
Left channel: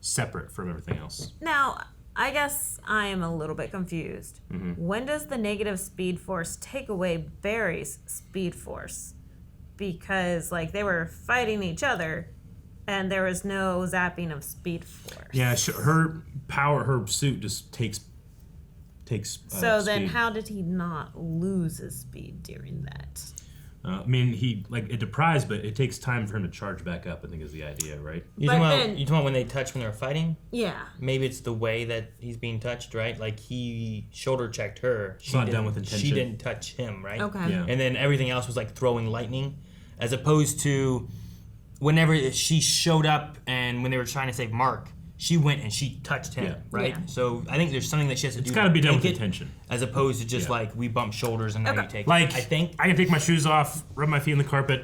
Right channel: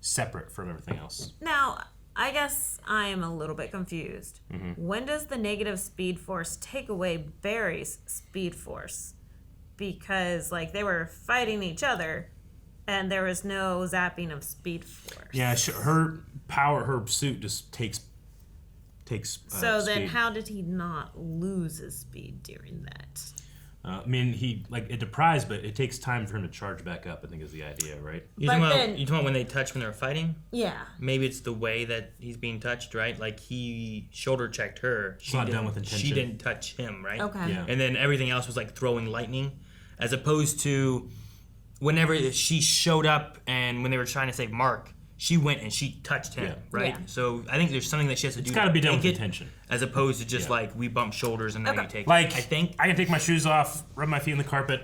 separate from everything else. Now, I guess I am a little bit confused. Mm-hmm. When does the negative Speed Force take away Barry's Speed Force? Because, like, they were fighting each other, and there was no zapping of Speed Force. Yeah, her power, her suit just takes. So then, speed. how did he not lose his speed during that? I mean, it deprives, but it takes time for him to charge back up, I think is the idea, right? You talking about when they touched when they were fighting? Yeah. Maybe it's the way that he's being touched, right? Like, he shoulder checked her. It's not done with intention. She didn't touch him, right? Okay. Yeah. And then everything else was like throwing lightning, as opposed to whenever she showed up and when they were trying to save Mark, she went and she touched him, right? Yeah. So I think there's something that she has to do. It's got to be done with take it, intention. as opposed to just like we bump shoulders and now you take Like, it. I think I can take my shoes off, rub my feet on the carpet,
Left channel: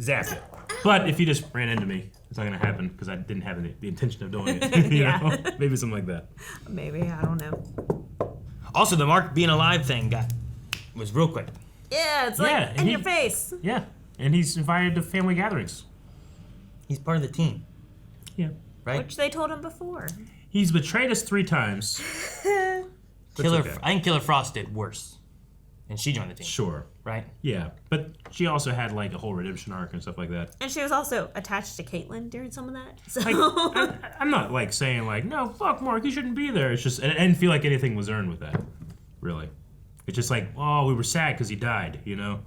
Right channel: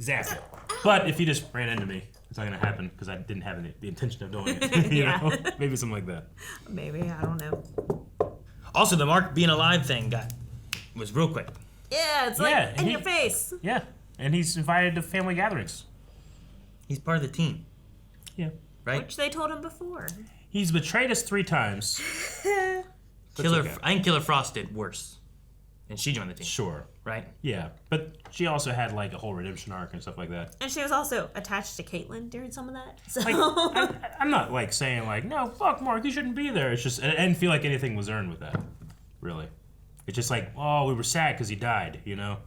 zap it. But if you just ran into me, it's not going to happen because I didn't have the intention of doing it. You know? Maybe something like that. Maybe, I don't know. Also, the Mark being alive thing was real quick. Yeah, it's like in your face. Yeah, and he's invited to family gatherings. He's part of the team. Yeah. Right? Which they told him before. He's betrayed us 3 times. I think Killer Frost did worse. And she joined the team. Sure. Right? Yeah, but she also had like a whole redemption arc and stuff like that. And she was also attached to Caitlyn during some of that. So I'm not like saying like, no, fuck Mark, he shouldn't be there. It's just, I didn't feel like anything was earned with that, really. It's just like, oh, we were sad because he died, you know?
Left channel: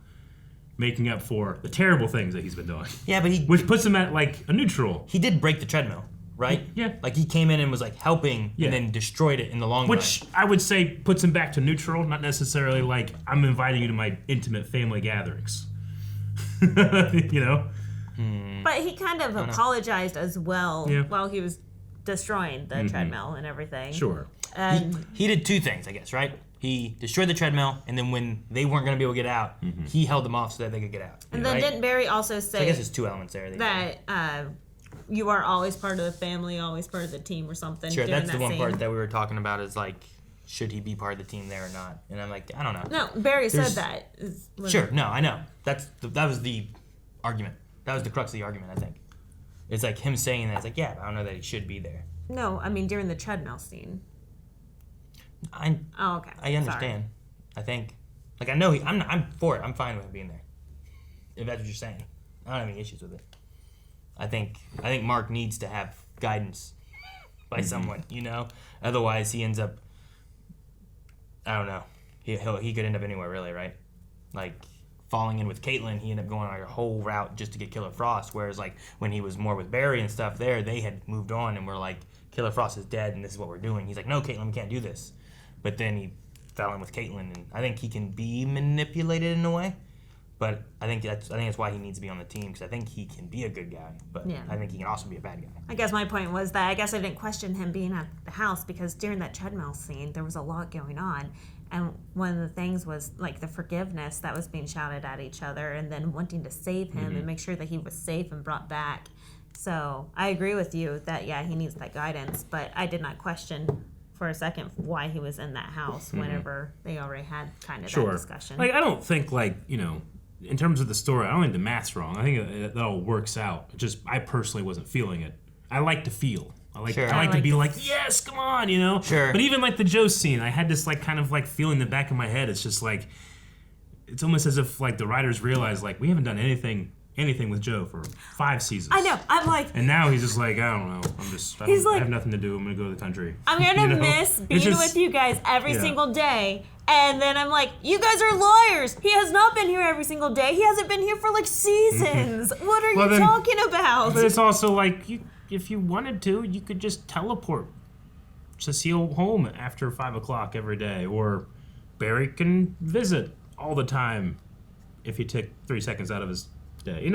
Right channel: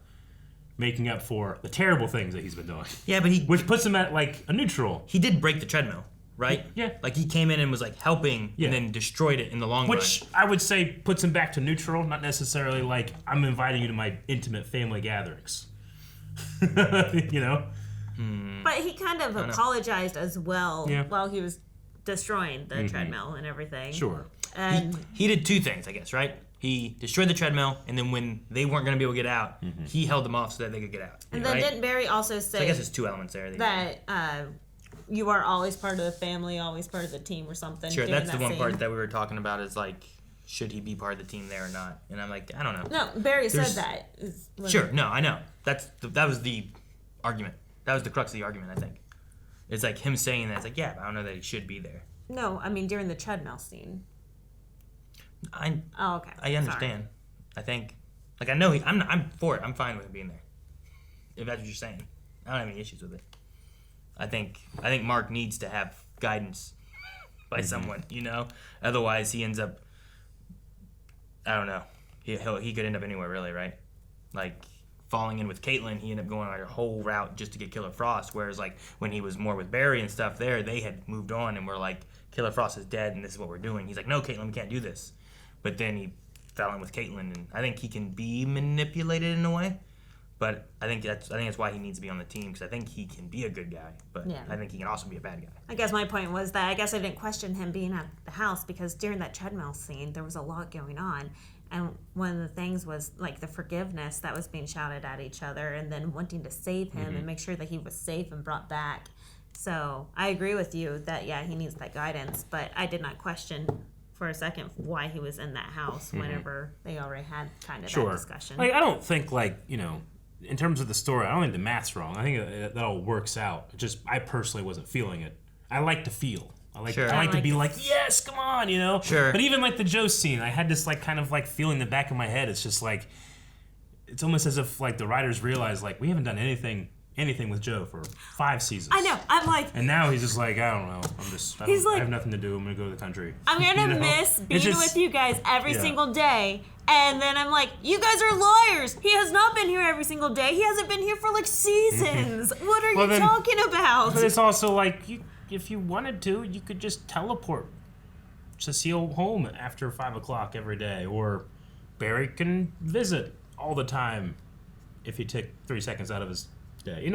Making up for the terrible things that he's been doing. Yeah, but which puts him at like a neutral. He did break the treadmill, right? Yeah. Like he came in and was like helping and then destroyed it in the long run. Which I would say puts him back to neutral, not necessarily like, I'm inviting you to my intimate family gatherings. You know? But he kind of apologized as well while he was destroying the treadmill and everything. Sure. And he did 2 things, I guess, right? He destroyed the treadmill, and then when they weren't going to be able to get out, he held them off so that they could get out. And then didn't Barry also say So I guess there's 2 elements there. that you are always part of the family, always part of the team or something? Sure, during that's the that one scene? part that we were talking about is like should he be part of the team there or not? And I'm like, I don't know. No, Barry said that. Sure, no, I know. That was the argument. That was the crux of the argument, I think. It's like him saying that. It's like, yeah, I don't know that he should be there. No, I mean during the treadmill scene. Okay. I understand. Sorry. I think, like, I know I'm for it. I'm fine with him being there. If that's what you're saying, I don't have any issues with it. I think Mark needs to have guidance by someone, you know. Otherwise, he ends up. I don't know. He could end up anywhere, really, right? Like falling in with Caitlin, he ended up going on a whole route just to get Killer Frost. Whereas, like when he was more with Barry and stuff, they had moved on and were like, Killer Frost is dead, and this is what we're doing. He's like, no, Caitlin, we can't do this. But then he fell in with Caitlin, and I think he can be manipulated in a way. But I think that's why he needs to be on the team, because I think he can be a good guy, but Yeah. I think he can also be a bad guy. I guess my point was that I guess I didn't question him being at the house because during that treadmill scene, there was a lot going on. And one of the things was like the forgiveness that was being shouted at each other and then wanting to save him and make sure that he was safe and brought back. So I agree with you that, yeah, he needs that guidance, but I did not question for a second why he was in that house whenever they already had kind of that discussion. Like, I don't think, like, you know, in terms of the story, I don't think the math's wrong. I think that all works out. It just, I personally wasn't feeling it. I like to feel. I like to be like, yes, come on, you know? Sure. But even like the Joe scene, I had this like kind of like feeling in the back of my head. It's just like, it's almost as if like the writers realized like we haven't done anything with Joe for 5 seasons. I know. I'm like, and now he's just like, I don't know. I have nothing to do. I'm gonna go to the country. I'm gonna miss being with you guys every single day. And then I'm like, you guys are liars. He has not been here every single day. He hasn't been here for like seasons. What are you talking about? But it's also like, if you wanted to, you could just teleport Cecile home after 5 o'clock every day, or Barry can visit all the time if he took 3 seconds out of his day.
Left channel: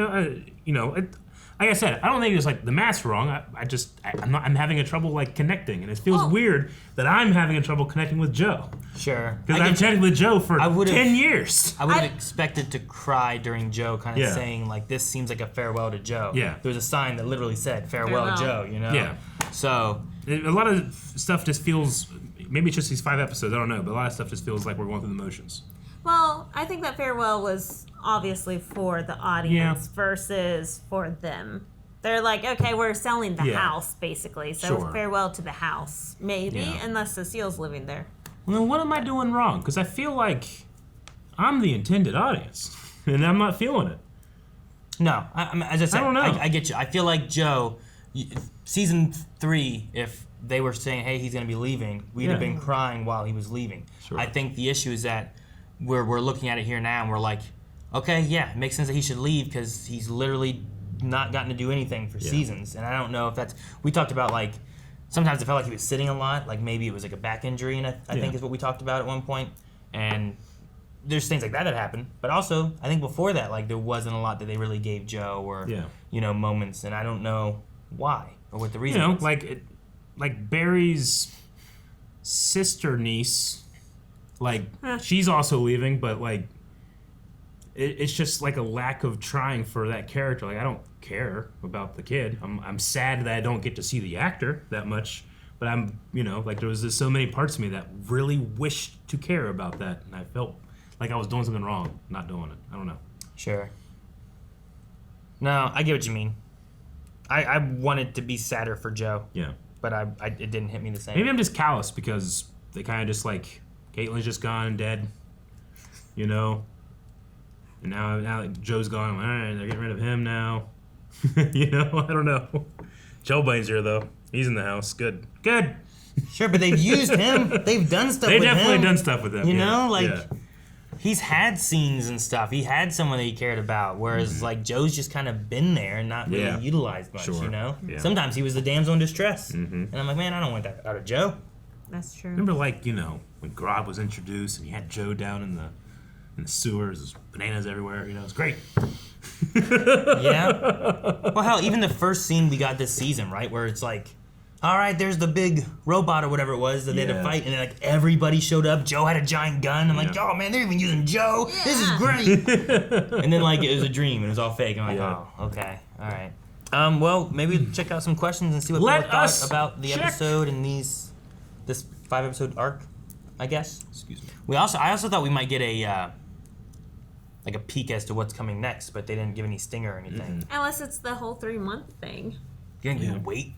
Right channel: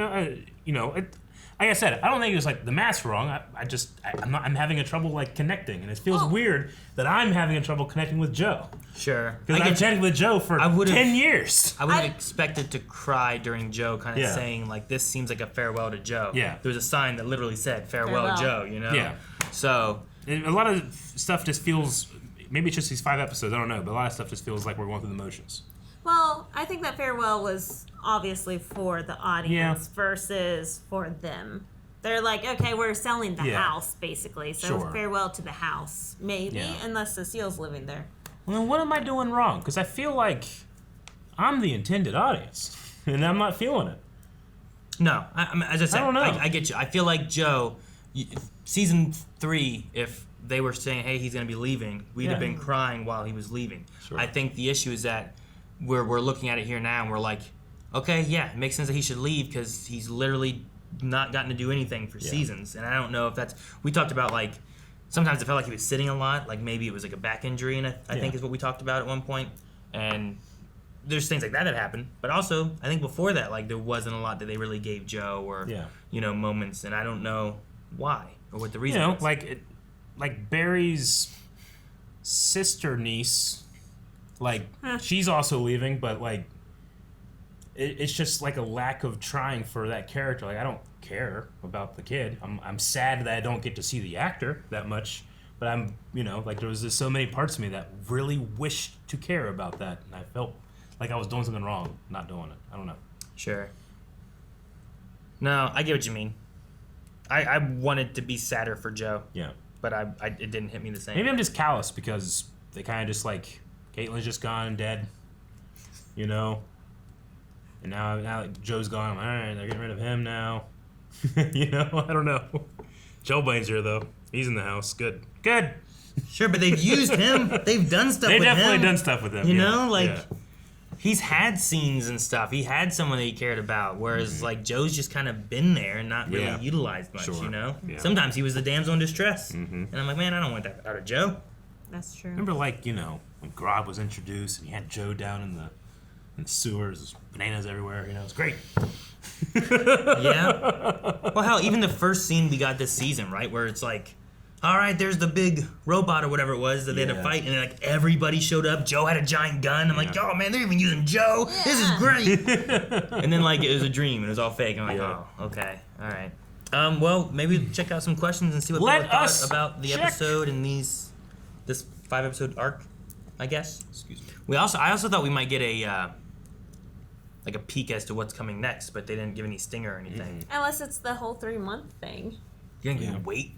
Like I said, I don't think it's like the math's wrong. I'm having a trouble like connecting, and it feels weird that I'm having a trouble connecting with Joe. Sure. Because I've chatted with Joe for 10 years. I would have expected to cry during Joe kind of saying, like, this seems like a farewell to Joe. Yeah. There was a sign that literally said, farewell. Joe, you know? Yeah. So. A lot of stuff just feels, maybe it's just these 5 episodes, I don't know, but a lot of stuff just feels like we're going through the motions. Well, I think that farewell was obviously for the audience versus for them. They're like, okay, we're selling the house, basically. So farewell to the house, maybe, unless Cecile's living there. Well, then what am I doing wrong? Because I feel like I'm the intended audience, and I'm not feeling it. No, as I said, I don't know. I get you. I feel like Joe, season 3, if they were saying, hey, he's going to be leaving, we'd have been crying while he was leaving. Sure. I think the issue is that we're looking at it here now, and we're like, okay, yeah, it makes sense that he should leave because he's literally not gotten to do anything for seasons. And I don't know if that's... We talked about, like, sometimes it felt like he was sitting a lot, like maybe it was like a back injury, and I think is what we talked about at one point. And there's things like that happened. But also, I think before that, like, there wasn't a lot that they really gave Joe or, moments, and I don't know why or what the reason is. Like Barry's sister niece, like, she's also leaving, but, like, it's just, like, a lack of trying for that character. Like, I don't care about the kid. I'm sad that I don't get to see the actor that much, but I'm, like, there was just so many parts of me that really wished to care about that, and I felt like I was doing something wrong not doing it. I don't know. Sure. No, I get what you mean. I wanted to be sadder for Joe. Yeah. But it didn't hit me the same. Maybe I'm just callous because they kind of just, like, Caitlin's just gone and dead, And now that Joe's gone, I'm like, all right, they're getting rid of him now. I don't know. Chillblaine's here, though. He's in the house. Good. Sure, but they've used him. They've done stuff with him. They definitely done stuff with him. He's had scenes and stuff. He had someone that he cared about, whereas, like, Joe's just kind of been there and not really utilized much, Yeah. Sometimes he was the damsel in distress. And I'm like, man, I don't want that out of Joe. That's true. Remember, like, when Grob was introduced and you had Joe down in the sewers, there's bananas everywhere, it's great. Yeah. Well, hell, even the first scene we got this season, right, where it's like, all right, there's the big robot or whatever it was that they had to fight, and then, like, everybody showed up. Joe had a giant gun. I'm like, oh, man, they're even using Joe. Yeah. This is great. And then, like, it was a dream, and it was all fake. I'm like, oh, okay, all right. Well, maybe we'll check out some questions and see what people thought about the episode and this 5-episode arc. I guess. Excuse me. I also thought we might get a peek as to what's coming next, but they didn't give any stinger or anything. Unless it's the whole 3-month thing. You think we wait?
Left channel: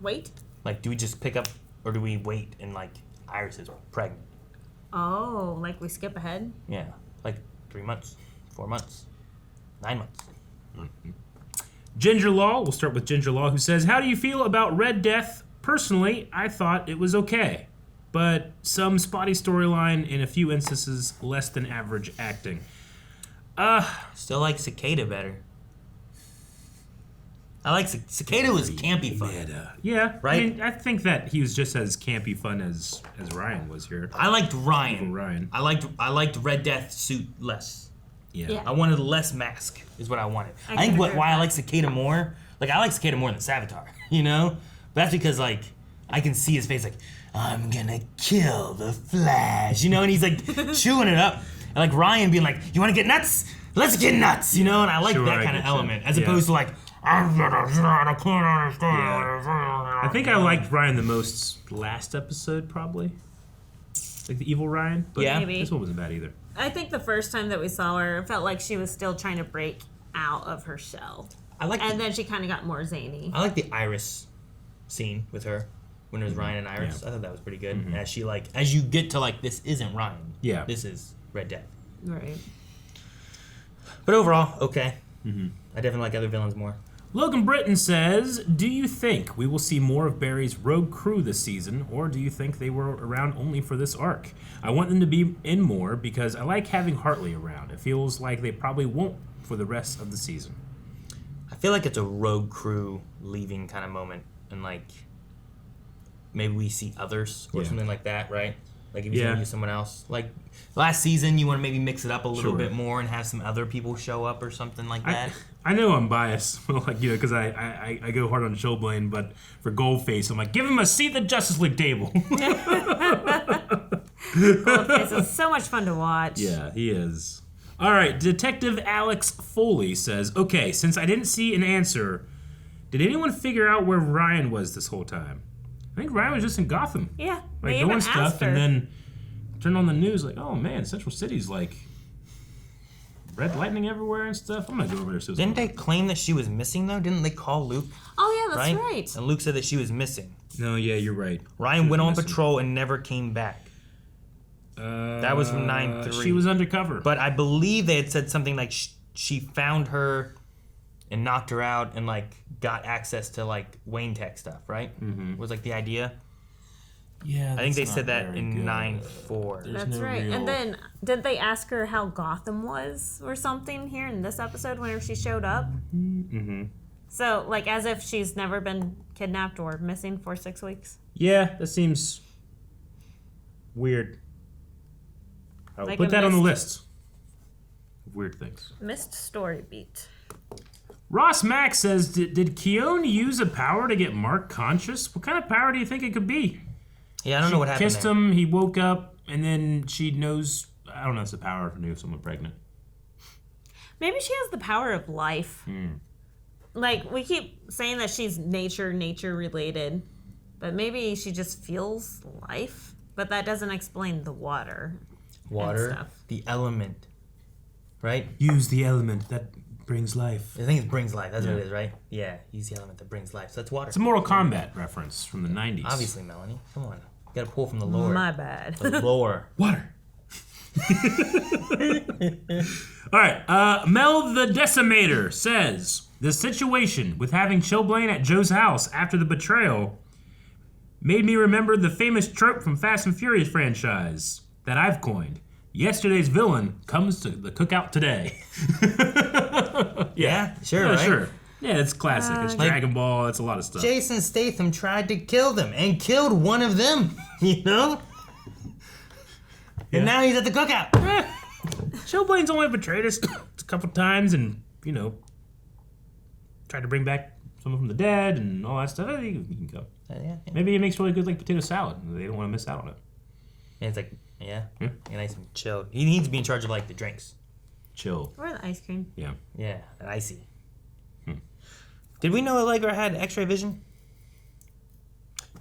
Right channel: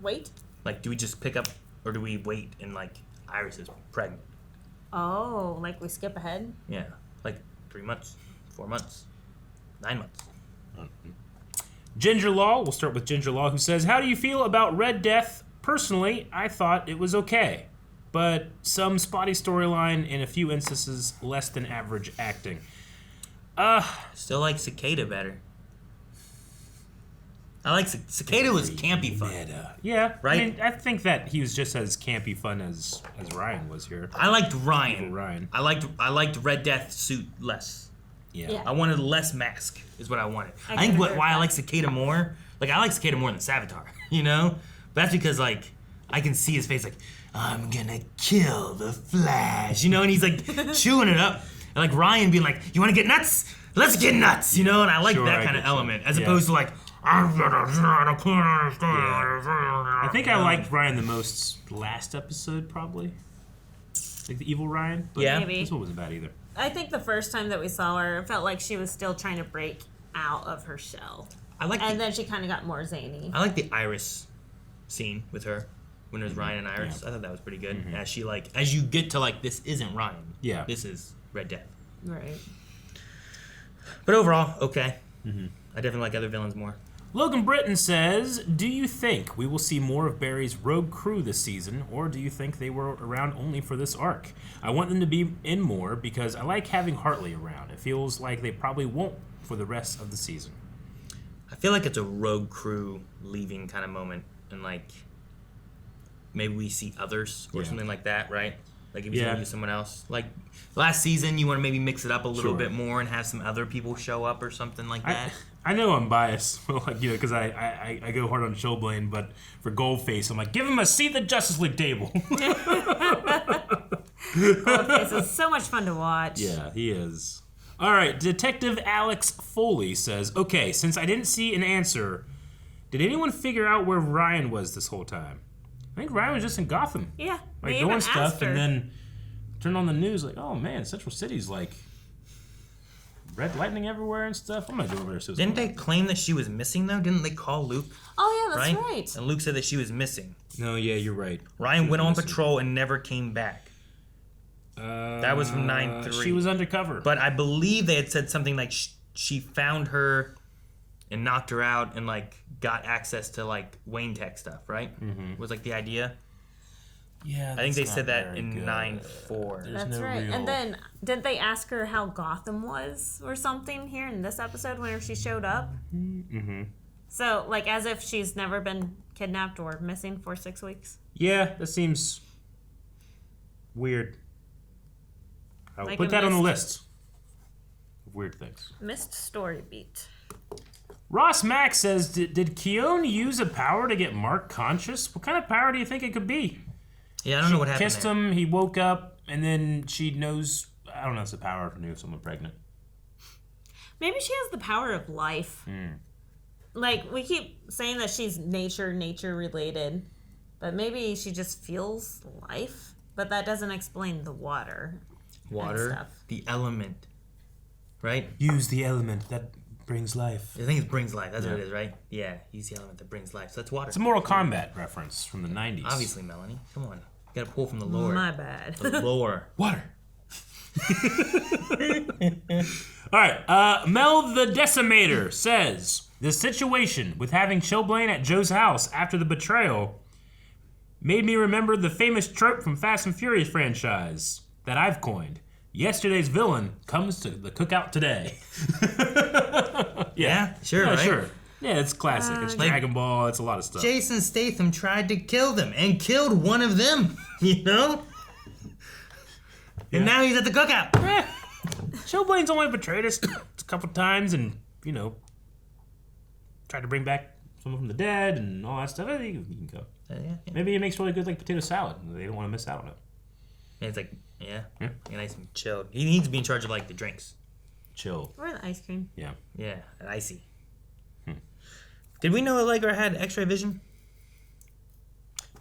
Wait? Like, do we just pick up, or do we wait and, like, Iris is pregnant? Oh, like we skip ahead? Yeah. Like, 3 months, 4 months, 9 months. Ginger Law, we'll start with Ginger Law, who says, how do you feel about Red Death? Personally, I thought it was okay, but some spotty storyline and a few instances less than average acting. Still like Cicada better. I like Cicada was campy fun. Yeah, right? I mean, I think that he was just as campy fun as Ryan was here. I liked Ryan. Evil Ryan. I liked Red Death suit less. Yeah. I wanted less mask is what I wanted. I I think can agree why with I that. like Cicada more, like I like Cicada more than Savitar, you know? But that's because like I can see his face like, I'm gonna kill the Flash, you know, and he's like chewing it up. And like Ryan being like, you wanna get nuts? Let's get nuts, you know? And I like Sure, that I kind of get you. element, as Yeah. opposed to like, I I think I liked Ryan the most last episode, probably. Like the evil Ryan. But Yeah. Maybe. This one wasn't bad either. I think the first time that we saw her, it felt like she was still trying to break out of her shell. And then she kind of got more zany. I like the Iris scene with her when it was Ryan and Iris. I thought that was pretty good. As she like, as you get to like, this isn't Ryan. Yeah. This is Red Death. Right. But overall, okay. I definitely like other villains more. Logan Britton says, do you think we will see more of Barry's rogue crew this season, or do you think they were around only for this arc? I want them to be in more because I like having Hartley around. It feels like they probably won't for the rest of the season. I feel like it's a rogue crew leaving kind of moment, and like maybe we see others or something like that, right? Like if you use someone else. Like last season, you want to maybe mix it up a little bit more and have some other people show up or something like that. I know I'm biased, like, you know, because I go hard on Chillblaine, but for Goldface, I'm like, give him a seat at the Justice League table. Goldface is so much fun to watch. Yeah, he is. All right, Detective Alex Foley says, okay, since I didn't see an answer, did anyone figure out where Ryan was this whole time? I think Ryan was just in Gotham. Yeah, Like, they even doing asked stuff, her. and then turn on the news, like, oh man, Central City's like red lightning everywhere and stuff. I'm gonna go over there. So Didn't they claim that she was missing though? Didn't they call Luke? Oh yeah, that's right. And Luke said that she was missing. No, yeah, you're right. Ryan went on patrol and never came back. That was from 9-3. She was undercover. But I believe they had said something like she found her and knocked her out and like got access to like Wayne Tech stuff, right? Was like the idea. Yeah, I think they said that in 9-4. That's right. And then did they ask her how Gotham was or something here in this episode whenever she showed up? So like as if she's never been kidnapped or missing for 6 weeks. Yeah, that seems weird. I'll Like put a that on the missed- list of weird things. Missed story beat. Ross Mack says, did Khione use a power to get Mark conscious? What kind of power do you think it could be? Yeah, I don't know what happened Kissed there. him, he woke up, and then she knows, I don't know if it's a power to know someone pregnant. Maybe she has the power of life. Like we keep saying that she's nature related, but maybe she just feels life. But that doesn't explain the water. And Water, stuff. the element, right? Use the element that brings life. I think it brings life. That's what it is, right? Yeah, use the element that brings life. So that's water. It's a Mortal Kombat reference from the 90s. Obviously, Melanie. Come on. You gotta pull from the lore. My bad. The lore. Water. All right, Mel the Decimator says, the situation with having Chillblaine at Joe's house after the betrayal made me remember the famous trope from Fast and Furious franchise that I've coined. Yesterday's villain comes to the cookout today. Yeah, sure, right? Sure. Yeah, it's classic. It's Dragon Ball. It's a lot of stuff. Jason Statham tried to kill them and killed one of them, you know? And now he's at the cookout. Chillblaine's only betrayed us a couple times and, you know, tried to bring back someone from the dead and all that stuff. I think he can go. Yeah. Maybe he makes really good like potato salad. They don't want to miss out on it. And it's like, yeah, nice and chilled. He needs to be in charge of like the drinks. Chill. Or the ice cream. Yeah. Yeah, and icy. Did we know Allegra had X-ray vision?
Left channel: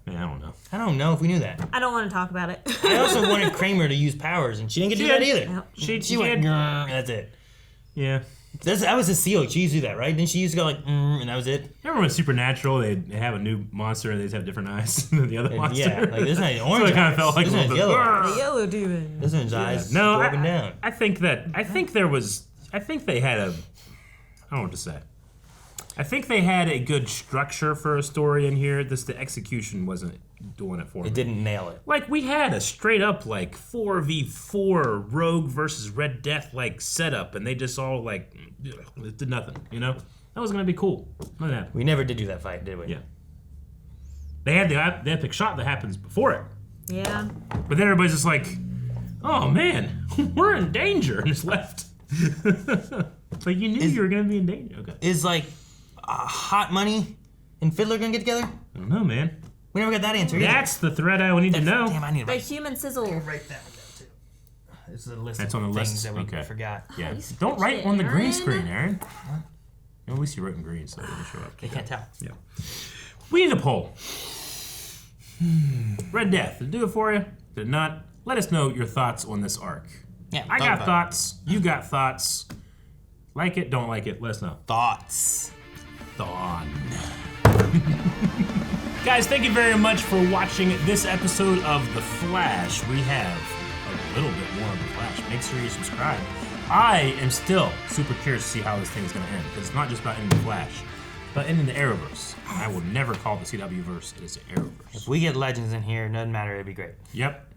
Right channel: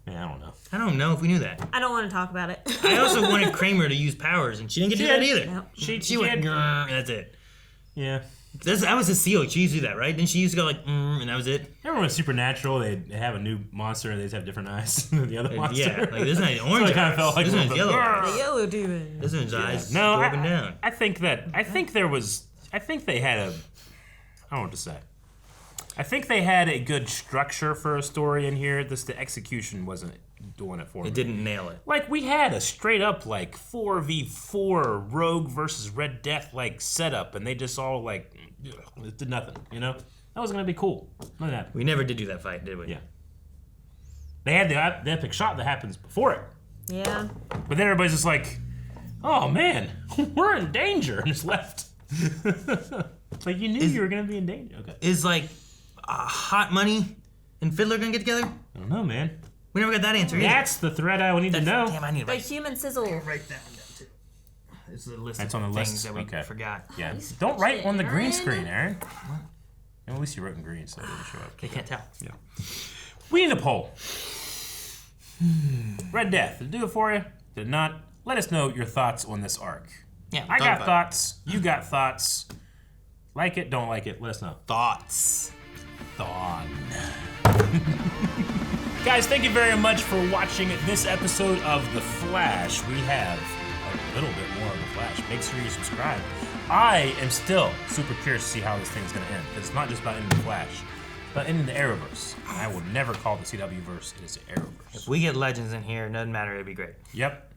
Yeah, I don't know. I don't know if we knew that. I don't want to talk about it. I also wanted Kramer to use powers, and she didn't get to do that either. Nope. She went, "Grr," and that's it. Yeah. That was a seal. She used to do that, right? Didn't she used to go like, and that was it? Remember when Supernatural, they have a new monster and they just have different eyes than the other monster? Yeah, like this one's orange so it kind eyes. of felt like This a one's little yellow bit- eyes. The yellow demon. This one's eyes No, go up and down. I think I think they had a, I don't know what to say. I think they had a good structure for a story in here. The execution wasn't doing it for me. It didn't nail it. Like, we had a straight up, like, 4v4 Rogue versus Red Death, like, setup, and they just all, like, it did nothing, you know? That was gonna be cool. Nothing happened. We never did do that fight, did we? Yeah. They had the epic shot that happens before it. Yeah. But then everybody's just like, oh, man, we're in danger, and just left. Like, you knew you were gonna be in danger. Okay. Is, like, Hot Money and Fiddler gonna get together? I don't know, man. We never got that answer either. That's the thread I would need to know. Damn, I need to The human sizzle. write that one down, too. This is a list That's of on the things list. that we Okay. forgot. Yeah. you Don't write switched on the it, green Aaron. screen, Aaron. At least you wrote in green, so it didn't show up. You can't tell. Yeah. We need a poll. Red Death, did it do it for you? Did it not? Let us know your thoughts on this arc. Yeah, I talk got about thoughts. You got thoughts. Like it, don't like it, let us know. Thoughts. Thawne. Guys, thank you very much for watching this episode of The Flash. We have a little bit more of The Flash. Make sure you subscribe. I am still super curious to see how this thing's going to end. Because it's not just about ending The Flash, but ending the Arrowverse. I will never call the CW verse as Arrowverse. If we get Legends in here, it doesn't matter, it'd be great. Yep.